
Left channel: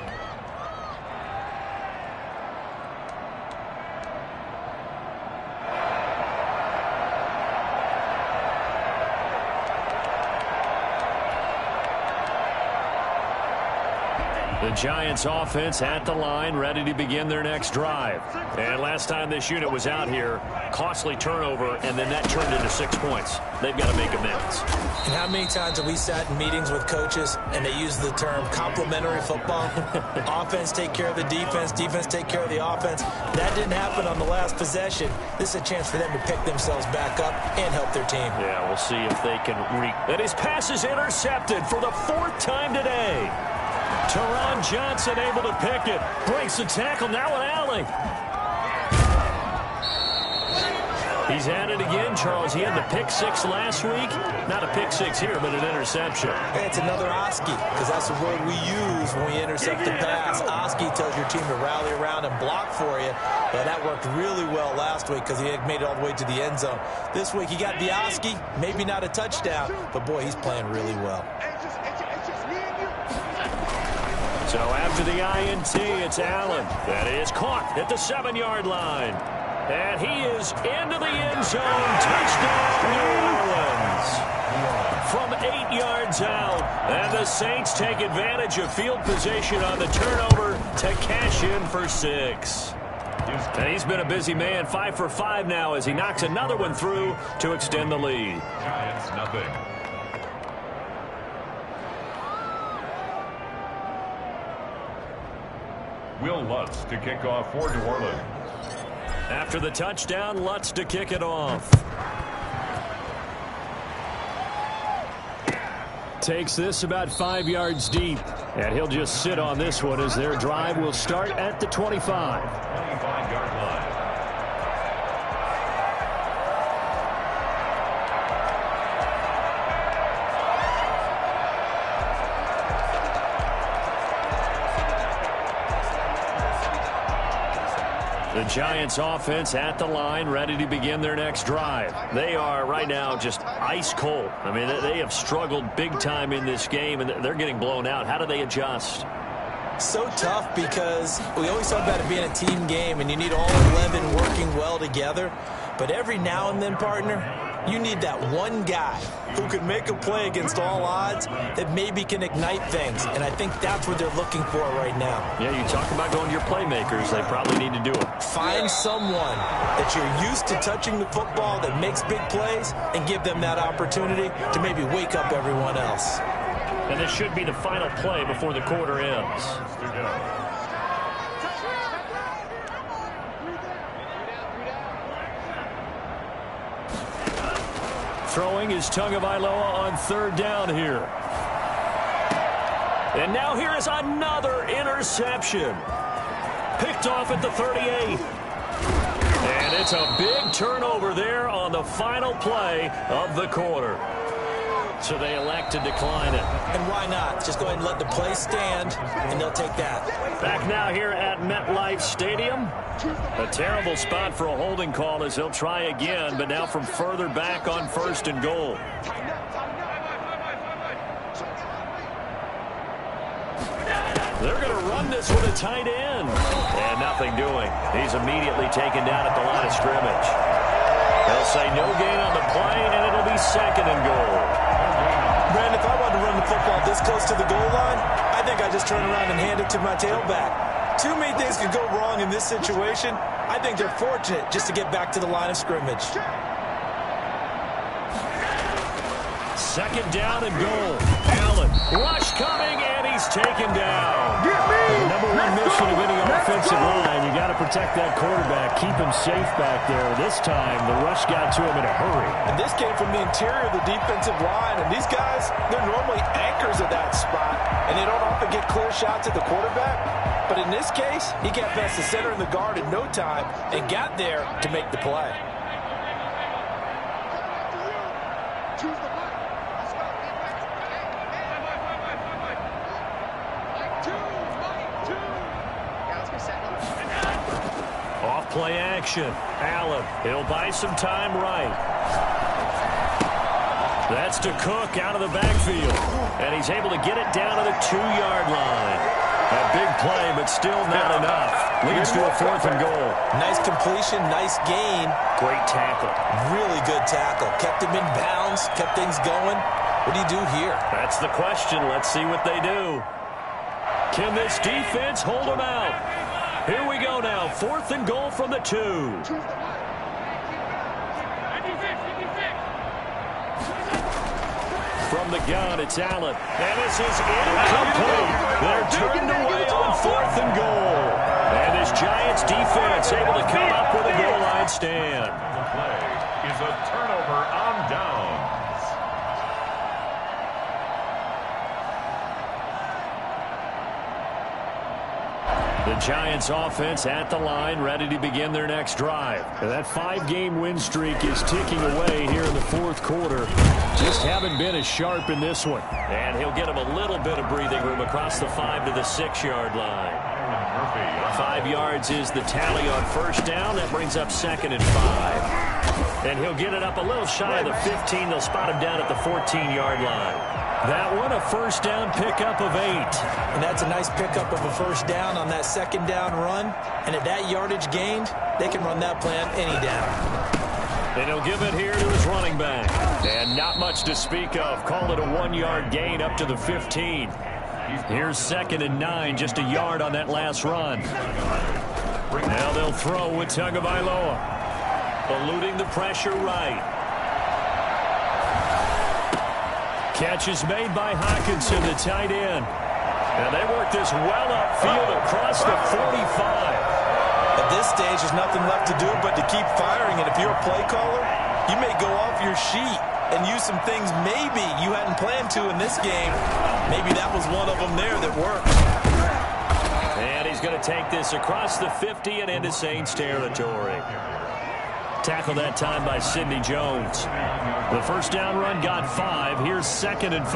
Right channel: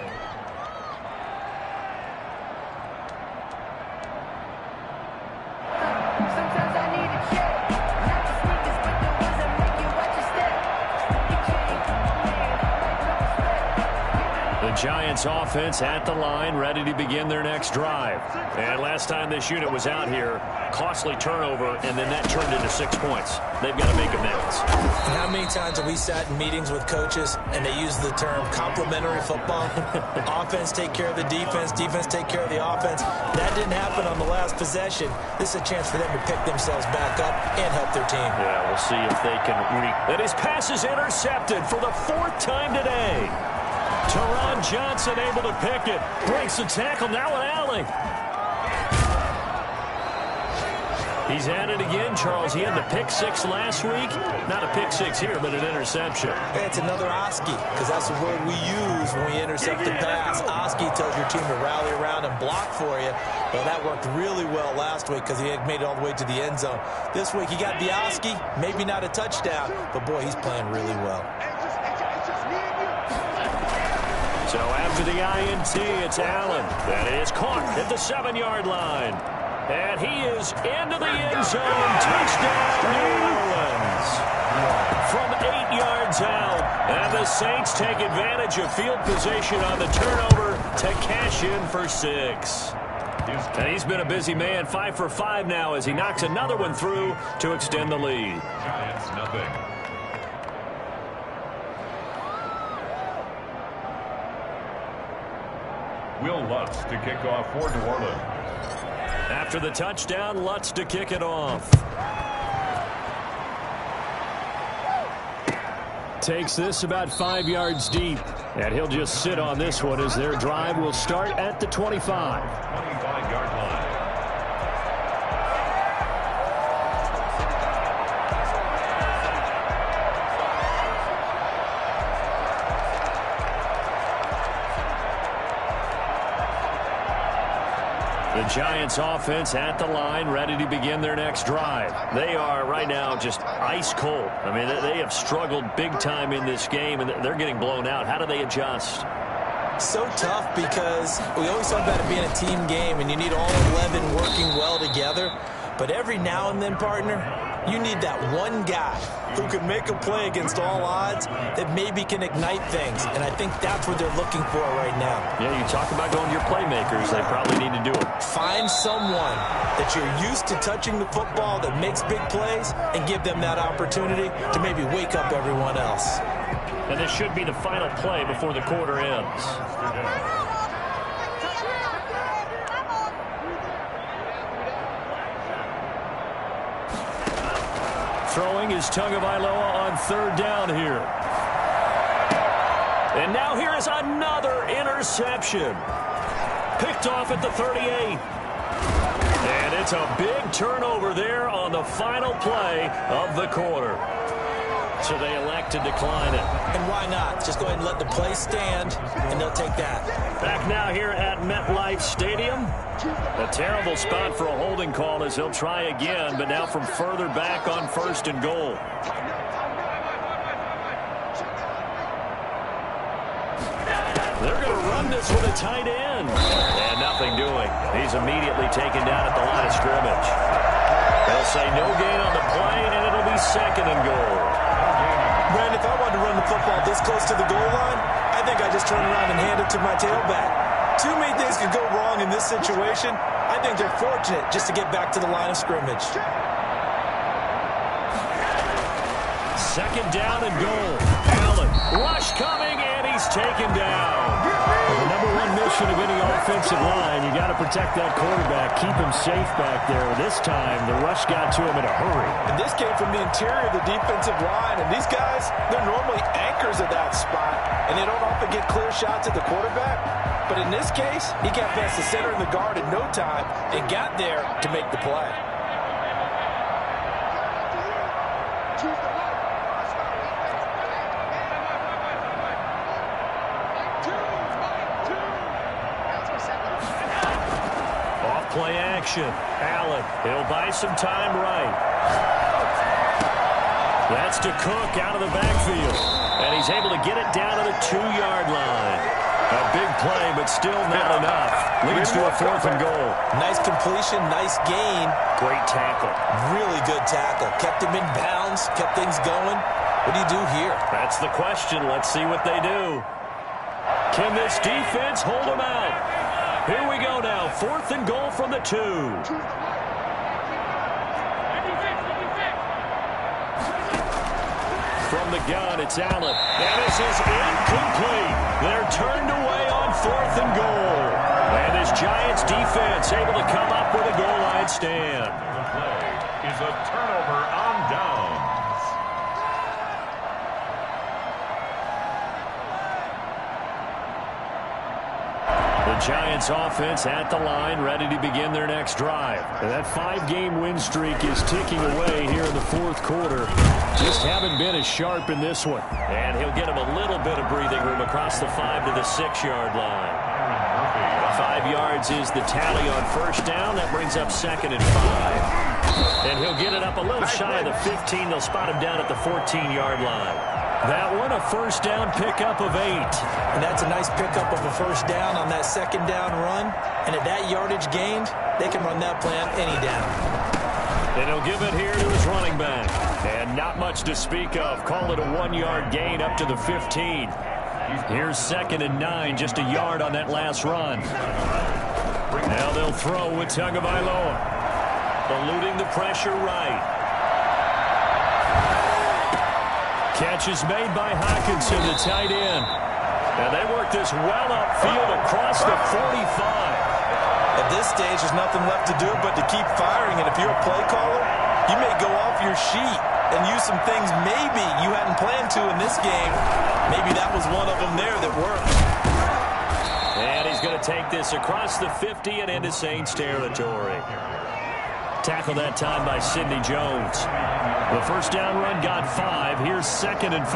The Giants offense at the line, ready to begin their next drive. And last time this unit was out here, costly turnover, and then that turned into 6 points. They've got to make amends. And how many times have we sat in meetings with coaches and they use the term complementary football? Offense take care of the defense, defense take care of the offense. That didn't happen on the last possession. This is a chance for them to pick themselves back up and help their team. Yeah, we'll see if they can And his pass is intercepted for the 4th time today. Teron Johnson able to pick it. Breaks the tackle, now an alley. He's at it again, Charles. He had the pick 6 last week. Not a pick 6 here, but an interception. Hey, it's another Oski, because that's the word we use when we intercept the pass. Oski tells your team to rally around and block for you. Well, that worked really well last week because he had made it all the way to the end zone. This week he got the Oski, maybe not a touchdown, but boy, he's playing really well. So after the INT, it's Allen. That is caught at the 7-yard line. And he is into the end zone. Touchdown, New Orleans. From 8 yards out. And the Saints take advantage of field position on the turnover to cash in for 6. And he's been a busy man. 5 for 5 now as he knocks another one through to extend the lead. Giants, nothing. Will Lutz to kick off for New Orleans. After the touchdown, Lutz to kick it off. Takes this about 5 yards deep, and he'll just sit on this one as their drive will start at the 25. 25-yard line. The Giants offense at the line, ready to begin their next drive. They are right now just ice cold. I mean, they have struggled big time in this game, and they're getting blown out. How do they adjust? So tough because we always talk about it being a team game, and you need all 11 working well together. But every now and then, partner, you need that one guy who can make a play against all odds that maybe can ignite things. And I think that's what they're looking for right now. Yeah, you talk about going to your playmakers. They probably need to do it. Find someone that you're used to touching the football that makes big plays and give them that opportunity to maybe wake up everyone else. And this should be the final play before the quarter ends. Throwing is Tagovailoa on 3rd down here. And now here is another interception. Picked off at the 38. And it's a big turnover there on the final play of the quarter. So they elect to decline it. And why not? Just go ahead and let the play stand, and they'll take that. Back now here at MetLife Stadium. A terrible spot for a holding call as he'll try again, but now from further back on 1st and goal. They're going to run this with a tight end. And nothing doing. He's immediately taken down at the line of scrimmage. They'll say no gain on the play, and it'll be 2nd and goal. Brandon, if I wanted to run the football this close to the goal line, I think I just turn around and hand it to my tailback. Too many things could go wrong in this situation. I think they're fortunate just to get back to the line of scrimmage. 2nd down and goal. Allen, rush coming, and he he's taken down. The number one mission of any offensive line, you got to protect that quarterback, keep him safe back there. This time, the rush got to him in a hurry. And this came from the interior of the defensive line. And these guys, they're normally anchors of that spot, and they don't often get clear shots at the quarterback. But in this case, he got past the center and the guard in no time and got there to make the play. Off play action. Allen, he'll buy some time right. That's to Cook out of the backfield. And he's able to get it down to the 2-yard line. A big play, but still not enough. Leads to a 4th and goal. Nice completion, nice gain. Great tackle. Really good tackle. Kept him in bounds, kept things going. What do you do here? That's the question. Let's see what they do. Can this defense hold them out? Here we go now. 4th and goal from the 2. From the gun, it's Allen. And this is incomplete. They're turned away on 4th and goal. And this Giants defense able to come up with a goal line stand. The play is a turnover on downs. The Giants offense at the line, ready to begin their next drive. And that 5-game win streak is ticking away here in the 4th quarter. Just haven't been as sharp in this one. And he'll get him a little bit of breathing room across the 5 to the 6-yard line. 5 yards is the tally on first down. That brings up 2nd and 5. And he'll get it up a little shy of the 15. They'll spot him down at the 14-yard line. That one, a first down pickup of 8. And that's a nice pickup of a first down on that 2nd down run. And at that yardage gained, they can run that play on any down. And he'll give it here to his running back. And not much to speak of. Call it a 1-yard gain up to the 15. Here's 2nd and 9, just a yard on that last run. Now they'll throw with Tagovailoa. Eluding the pressure right. Catch is made by Hockenson, the tight end. And they work this well upfield across the 45. At this stage, there's nothing left to do but to keep firing. And if you're a play caller, you may go off your sheet and use some things maybe you hadn't planned to in this game. Maybe that was one of them there that worked. And he's going to take this across the 50 and into Saints territory. Tackled that time by Sidney Jones. The first down run got 5. Here's 2nd and 5.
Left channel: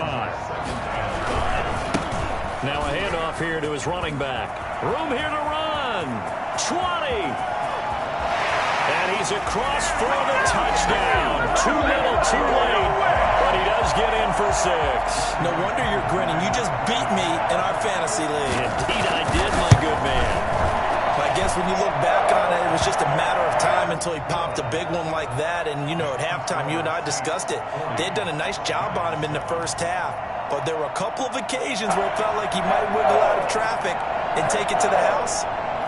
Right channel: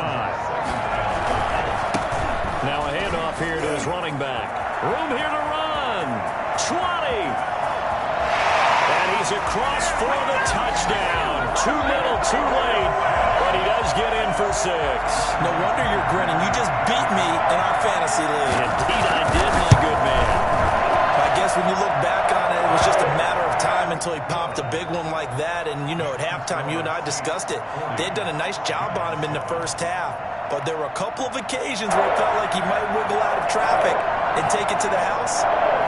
Now a handoff here to his running back. Room here to run. 20. And he's across for the touchdown. Too little, too late. But he does get in for 6. No wonder you're grinning. You just beat me in our fantasy league. Indeed I did, my good man. I guess when you look back on it, it was just a matter of time until he popped a big one like that. And, you know, at halftime, you and I discussed it. They had done a nice job on him in the first half. But there were a couple of occasions where it felt like he might wiggle out of traffic and take it to the house.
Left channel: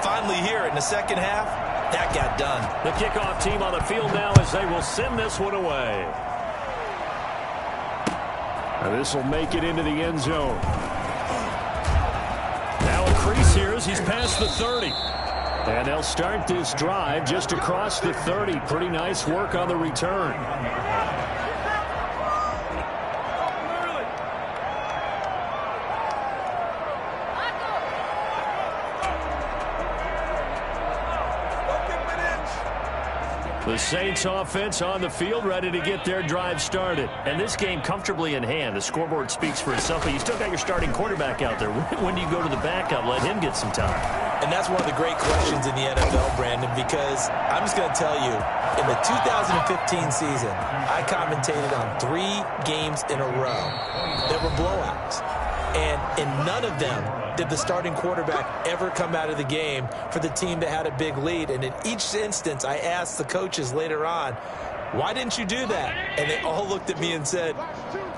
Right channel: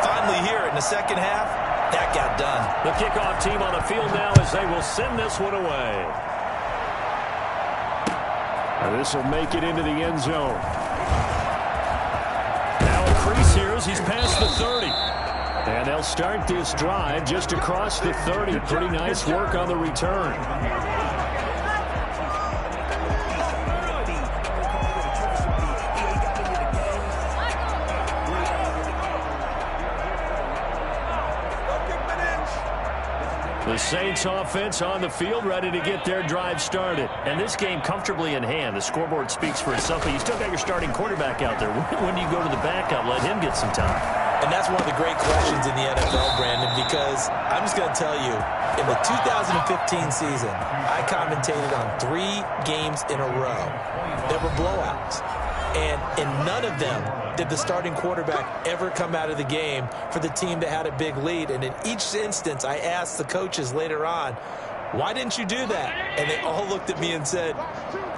Finally here in the second half, that got done. The kickoff team on the field now as they will send this one away. Now this will make it into the end zone. Now a crease here as he's past the 30. And they'll start this drive just across the 30. Pretty nice work on the return. The Saints offense on the field ready to get their drive started. And this game comfortably in hand. The scoreboard speaks for itself, but you still got your starting quarterback out there. When do you go to the backup? Let him get some time. And that's one of the great questions in the NFL, Brandon, because I'm just going to tell you, in the 2015 season, I commentated on 3 games in a row that were blowouts. And in none of them did the starting quarterback ever come out of the game for the team that had a big lead. And in each instance, I asked the coaches later on, why didn't you do that? And they all looked at me and said,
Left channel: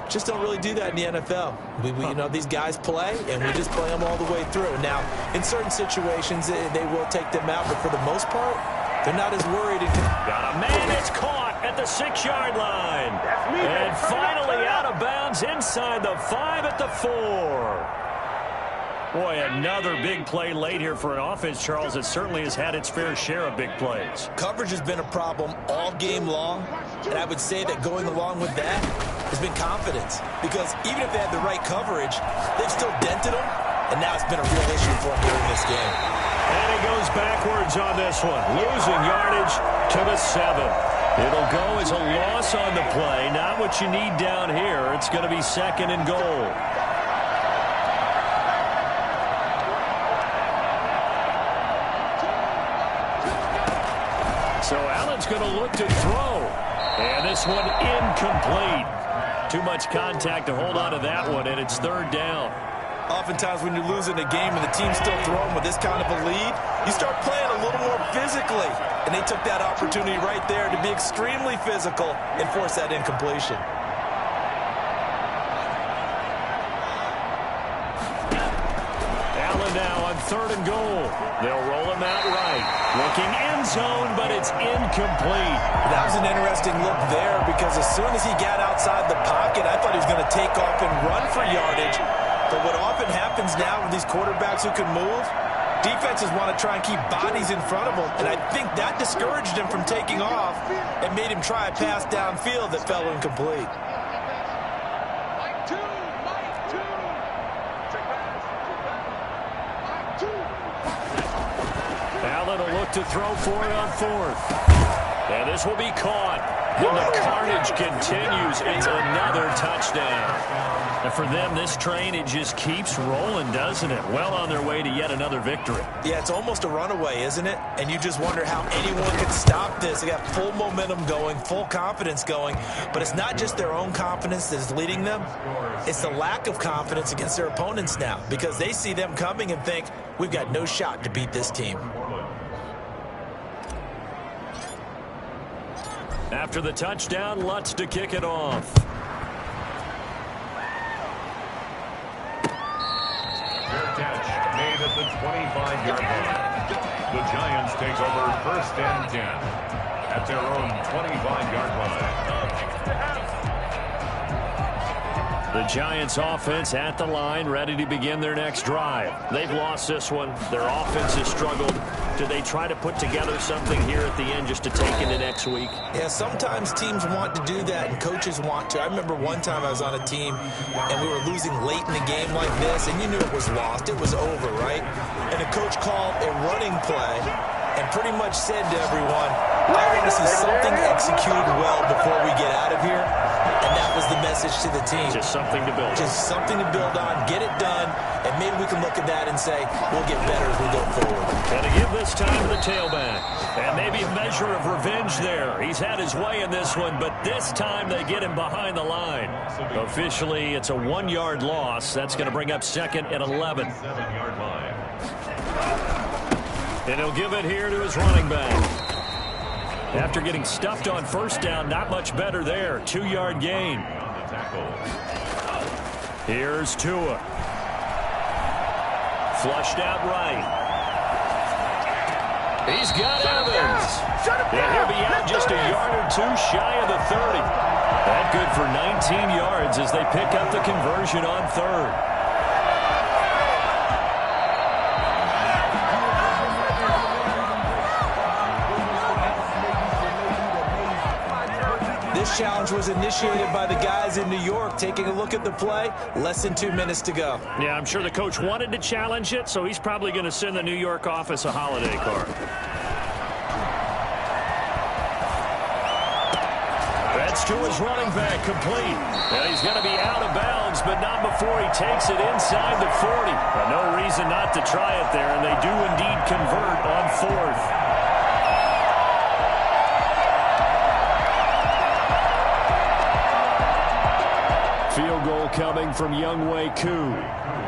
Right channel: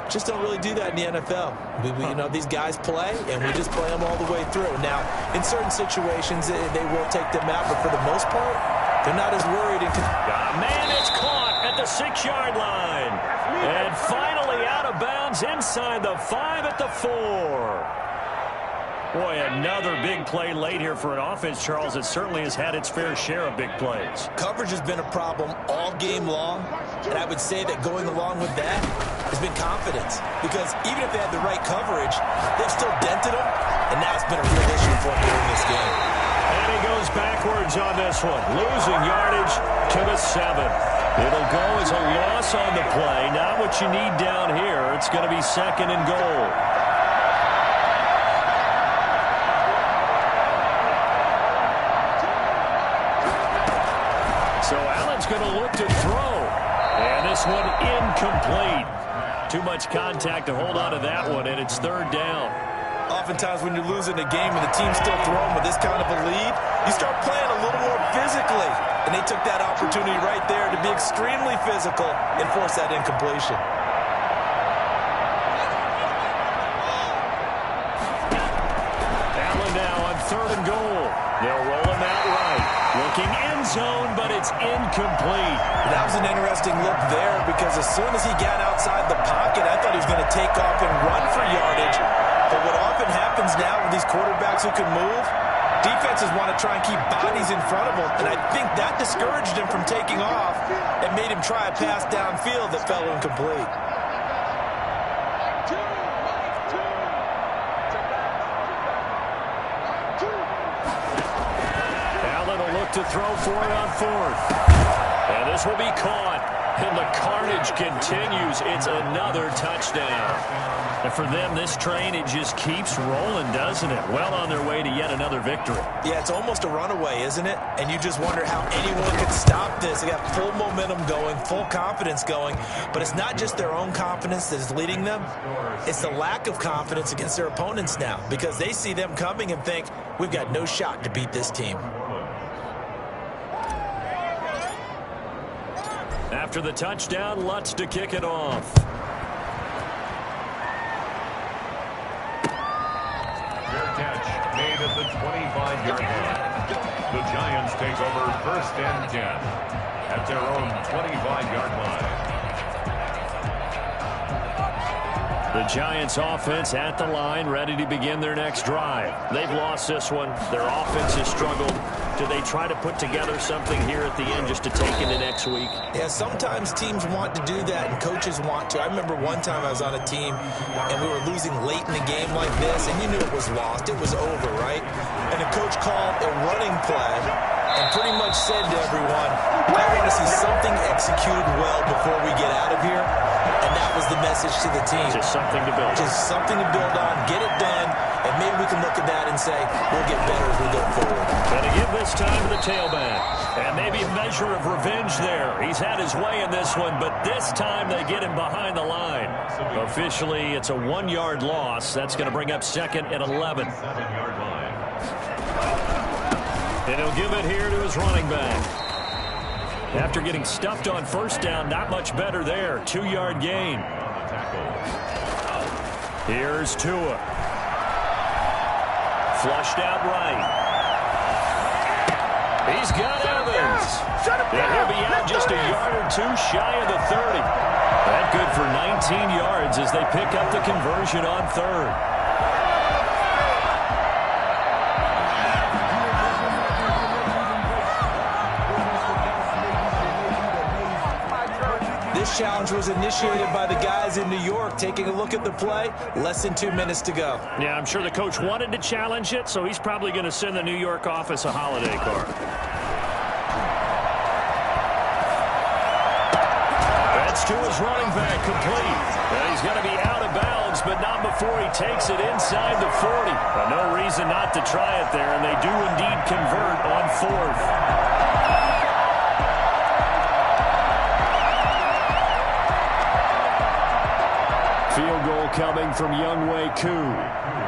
just don't really do that in the NFL. You know, these guys play, and we just play them all the way through. Now, in certain situations, they will take them out, but for the most part, they're not as worried. Man, it's caught at the 6-yard line. And finally out of bounds inside the 5 at the 4. Boy, another big play late here for an offense, Charles. It certainly has had its fair share of big plays. Coverage has been a problem all game long, and I would say that going along with that has been confidence. Because even if they had the right coverage, they've still dented them, and now it's been a real issue for them during this game. And he goes backwards on this one, losing yardage to the 7. It'll go as a loss on the play. Not what you need down here. It's going to be 2nd and goal. So Allen's going to look to throw. And this one incomplete. Too much contact to hold on to that one, and it's 3rd down. Oftentimes when you're losing a game and the team's still throwing with this kind of a lead, you start playing a little more physically. And they took that opportunity right there to be extremely physical and force that incompletion. Allen now on 3rd and goal. They'll roll him out right. Looking end zone, but it's incomplete. That was an interesting look there because as soon as he got outside the pocket, I thought he was going to take off and run for yardage. But what often happens now with these quarterbacks who can move, defenses want to try and keep bodies in front of them, and I think that discouraged him from taking off and made him try a pass downfield that fell incomplete. Allen will look to throw for it on 4th. And this will be caught. And the carnage continues. It's another touchdown. And for them, this train, it just keeps rolling, doesn't it? Well on their way to yet another victory. Yeah, it's almost a runaway, isn't it? And you just wonder how anyone could stop this. They got full momentum going, full confidence going. But it's not just their own confidence that is leading them. It's the lack of confidence against their opponents now because they see them coming and think, we've got no shot to beat this team. After the touchdown, Lutz to kick it off. Fair catch made at the 25-yard line. The Giants take over 1st and 10 at their own 25-yard line. The Giants offense at the line, ready to begin their next drive. They've lost this one. Their offense has struggled. Do they try to put together something here at the end just to take into next week? Yeah, sometimes teams want to do that and coaches want to. I remember one time I was on a team and we were losing late in the game like this and you knew it was lost. It was over, right? And the coach called a running play and pretty much said to everyone, I want to see something executed well before we get out of here. And that was the message to the team. Just something to build on. Just something to build on, get it done, and maybe we can look at that and say, we'll get better as we go forward. And to give this time to the tailback. And maybe a measure of revenge there. He's had his way in this one, but this time they get him behind the line. Officially, it's a 1-yard loss. That's going to bring up 2nd and 11. 7-yard line. And he'll give it here to his running back. After getting stuffed on 1st down, not much better there. 2-yard gain. On the tackle. Here's Tua. Flushed out right. He's got Evans. And he'll be out just a yard or two shy of the 30. That good for 19 yards as they pick up the conversion on 3rd. This challenge was initiated by the guys in New York. Taking a look at the play, less than 2 minutes to go. Yeah, I'm sure the coach wanted to challenge it, so he's probably going to send the New York office a holiday card. That's to his running back, complete. And he's going to be out of bounds, but not before he takes it inside the 40. But no reason not to try it there, and they do indeed convert on 4th. Field goal coming from Younghoe Koo.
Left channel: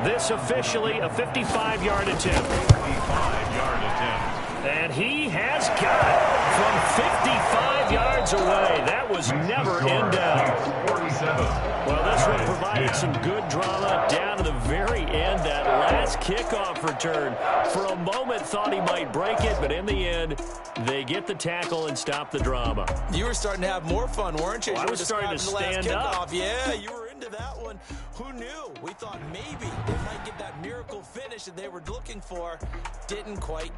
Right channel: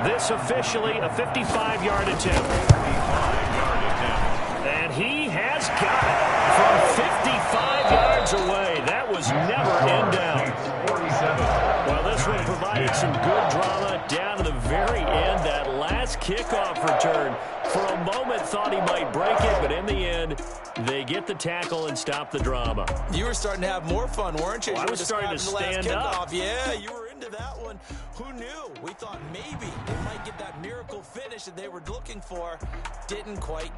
This officially a 55-yard attempt. 55-yard attempt. And he has got it from 55 yards away. That was never in doubt. 47. Well, this one provided some good drama down to the very end. That last kickoff return, for a moment thought he might break it, but in the end, they get the tackle and stop the drama. You were starting to have more fun, weren't you? Well, I was starting to stand up. Yeah, you were into that one. Who knew? We thought maybe they might get that miracle finish that they were looking for. Didn't quite get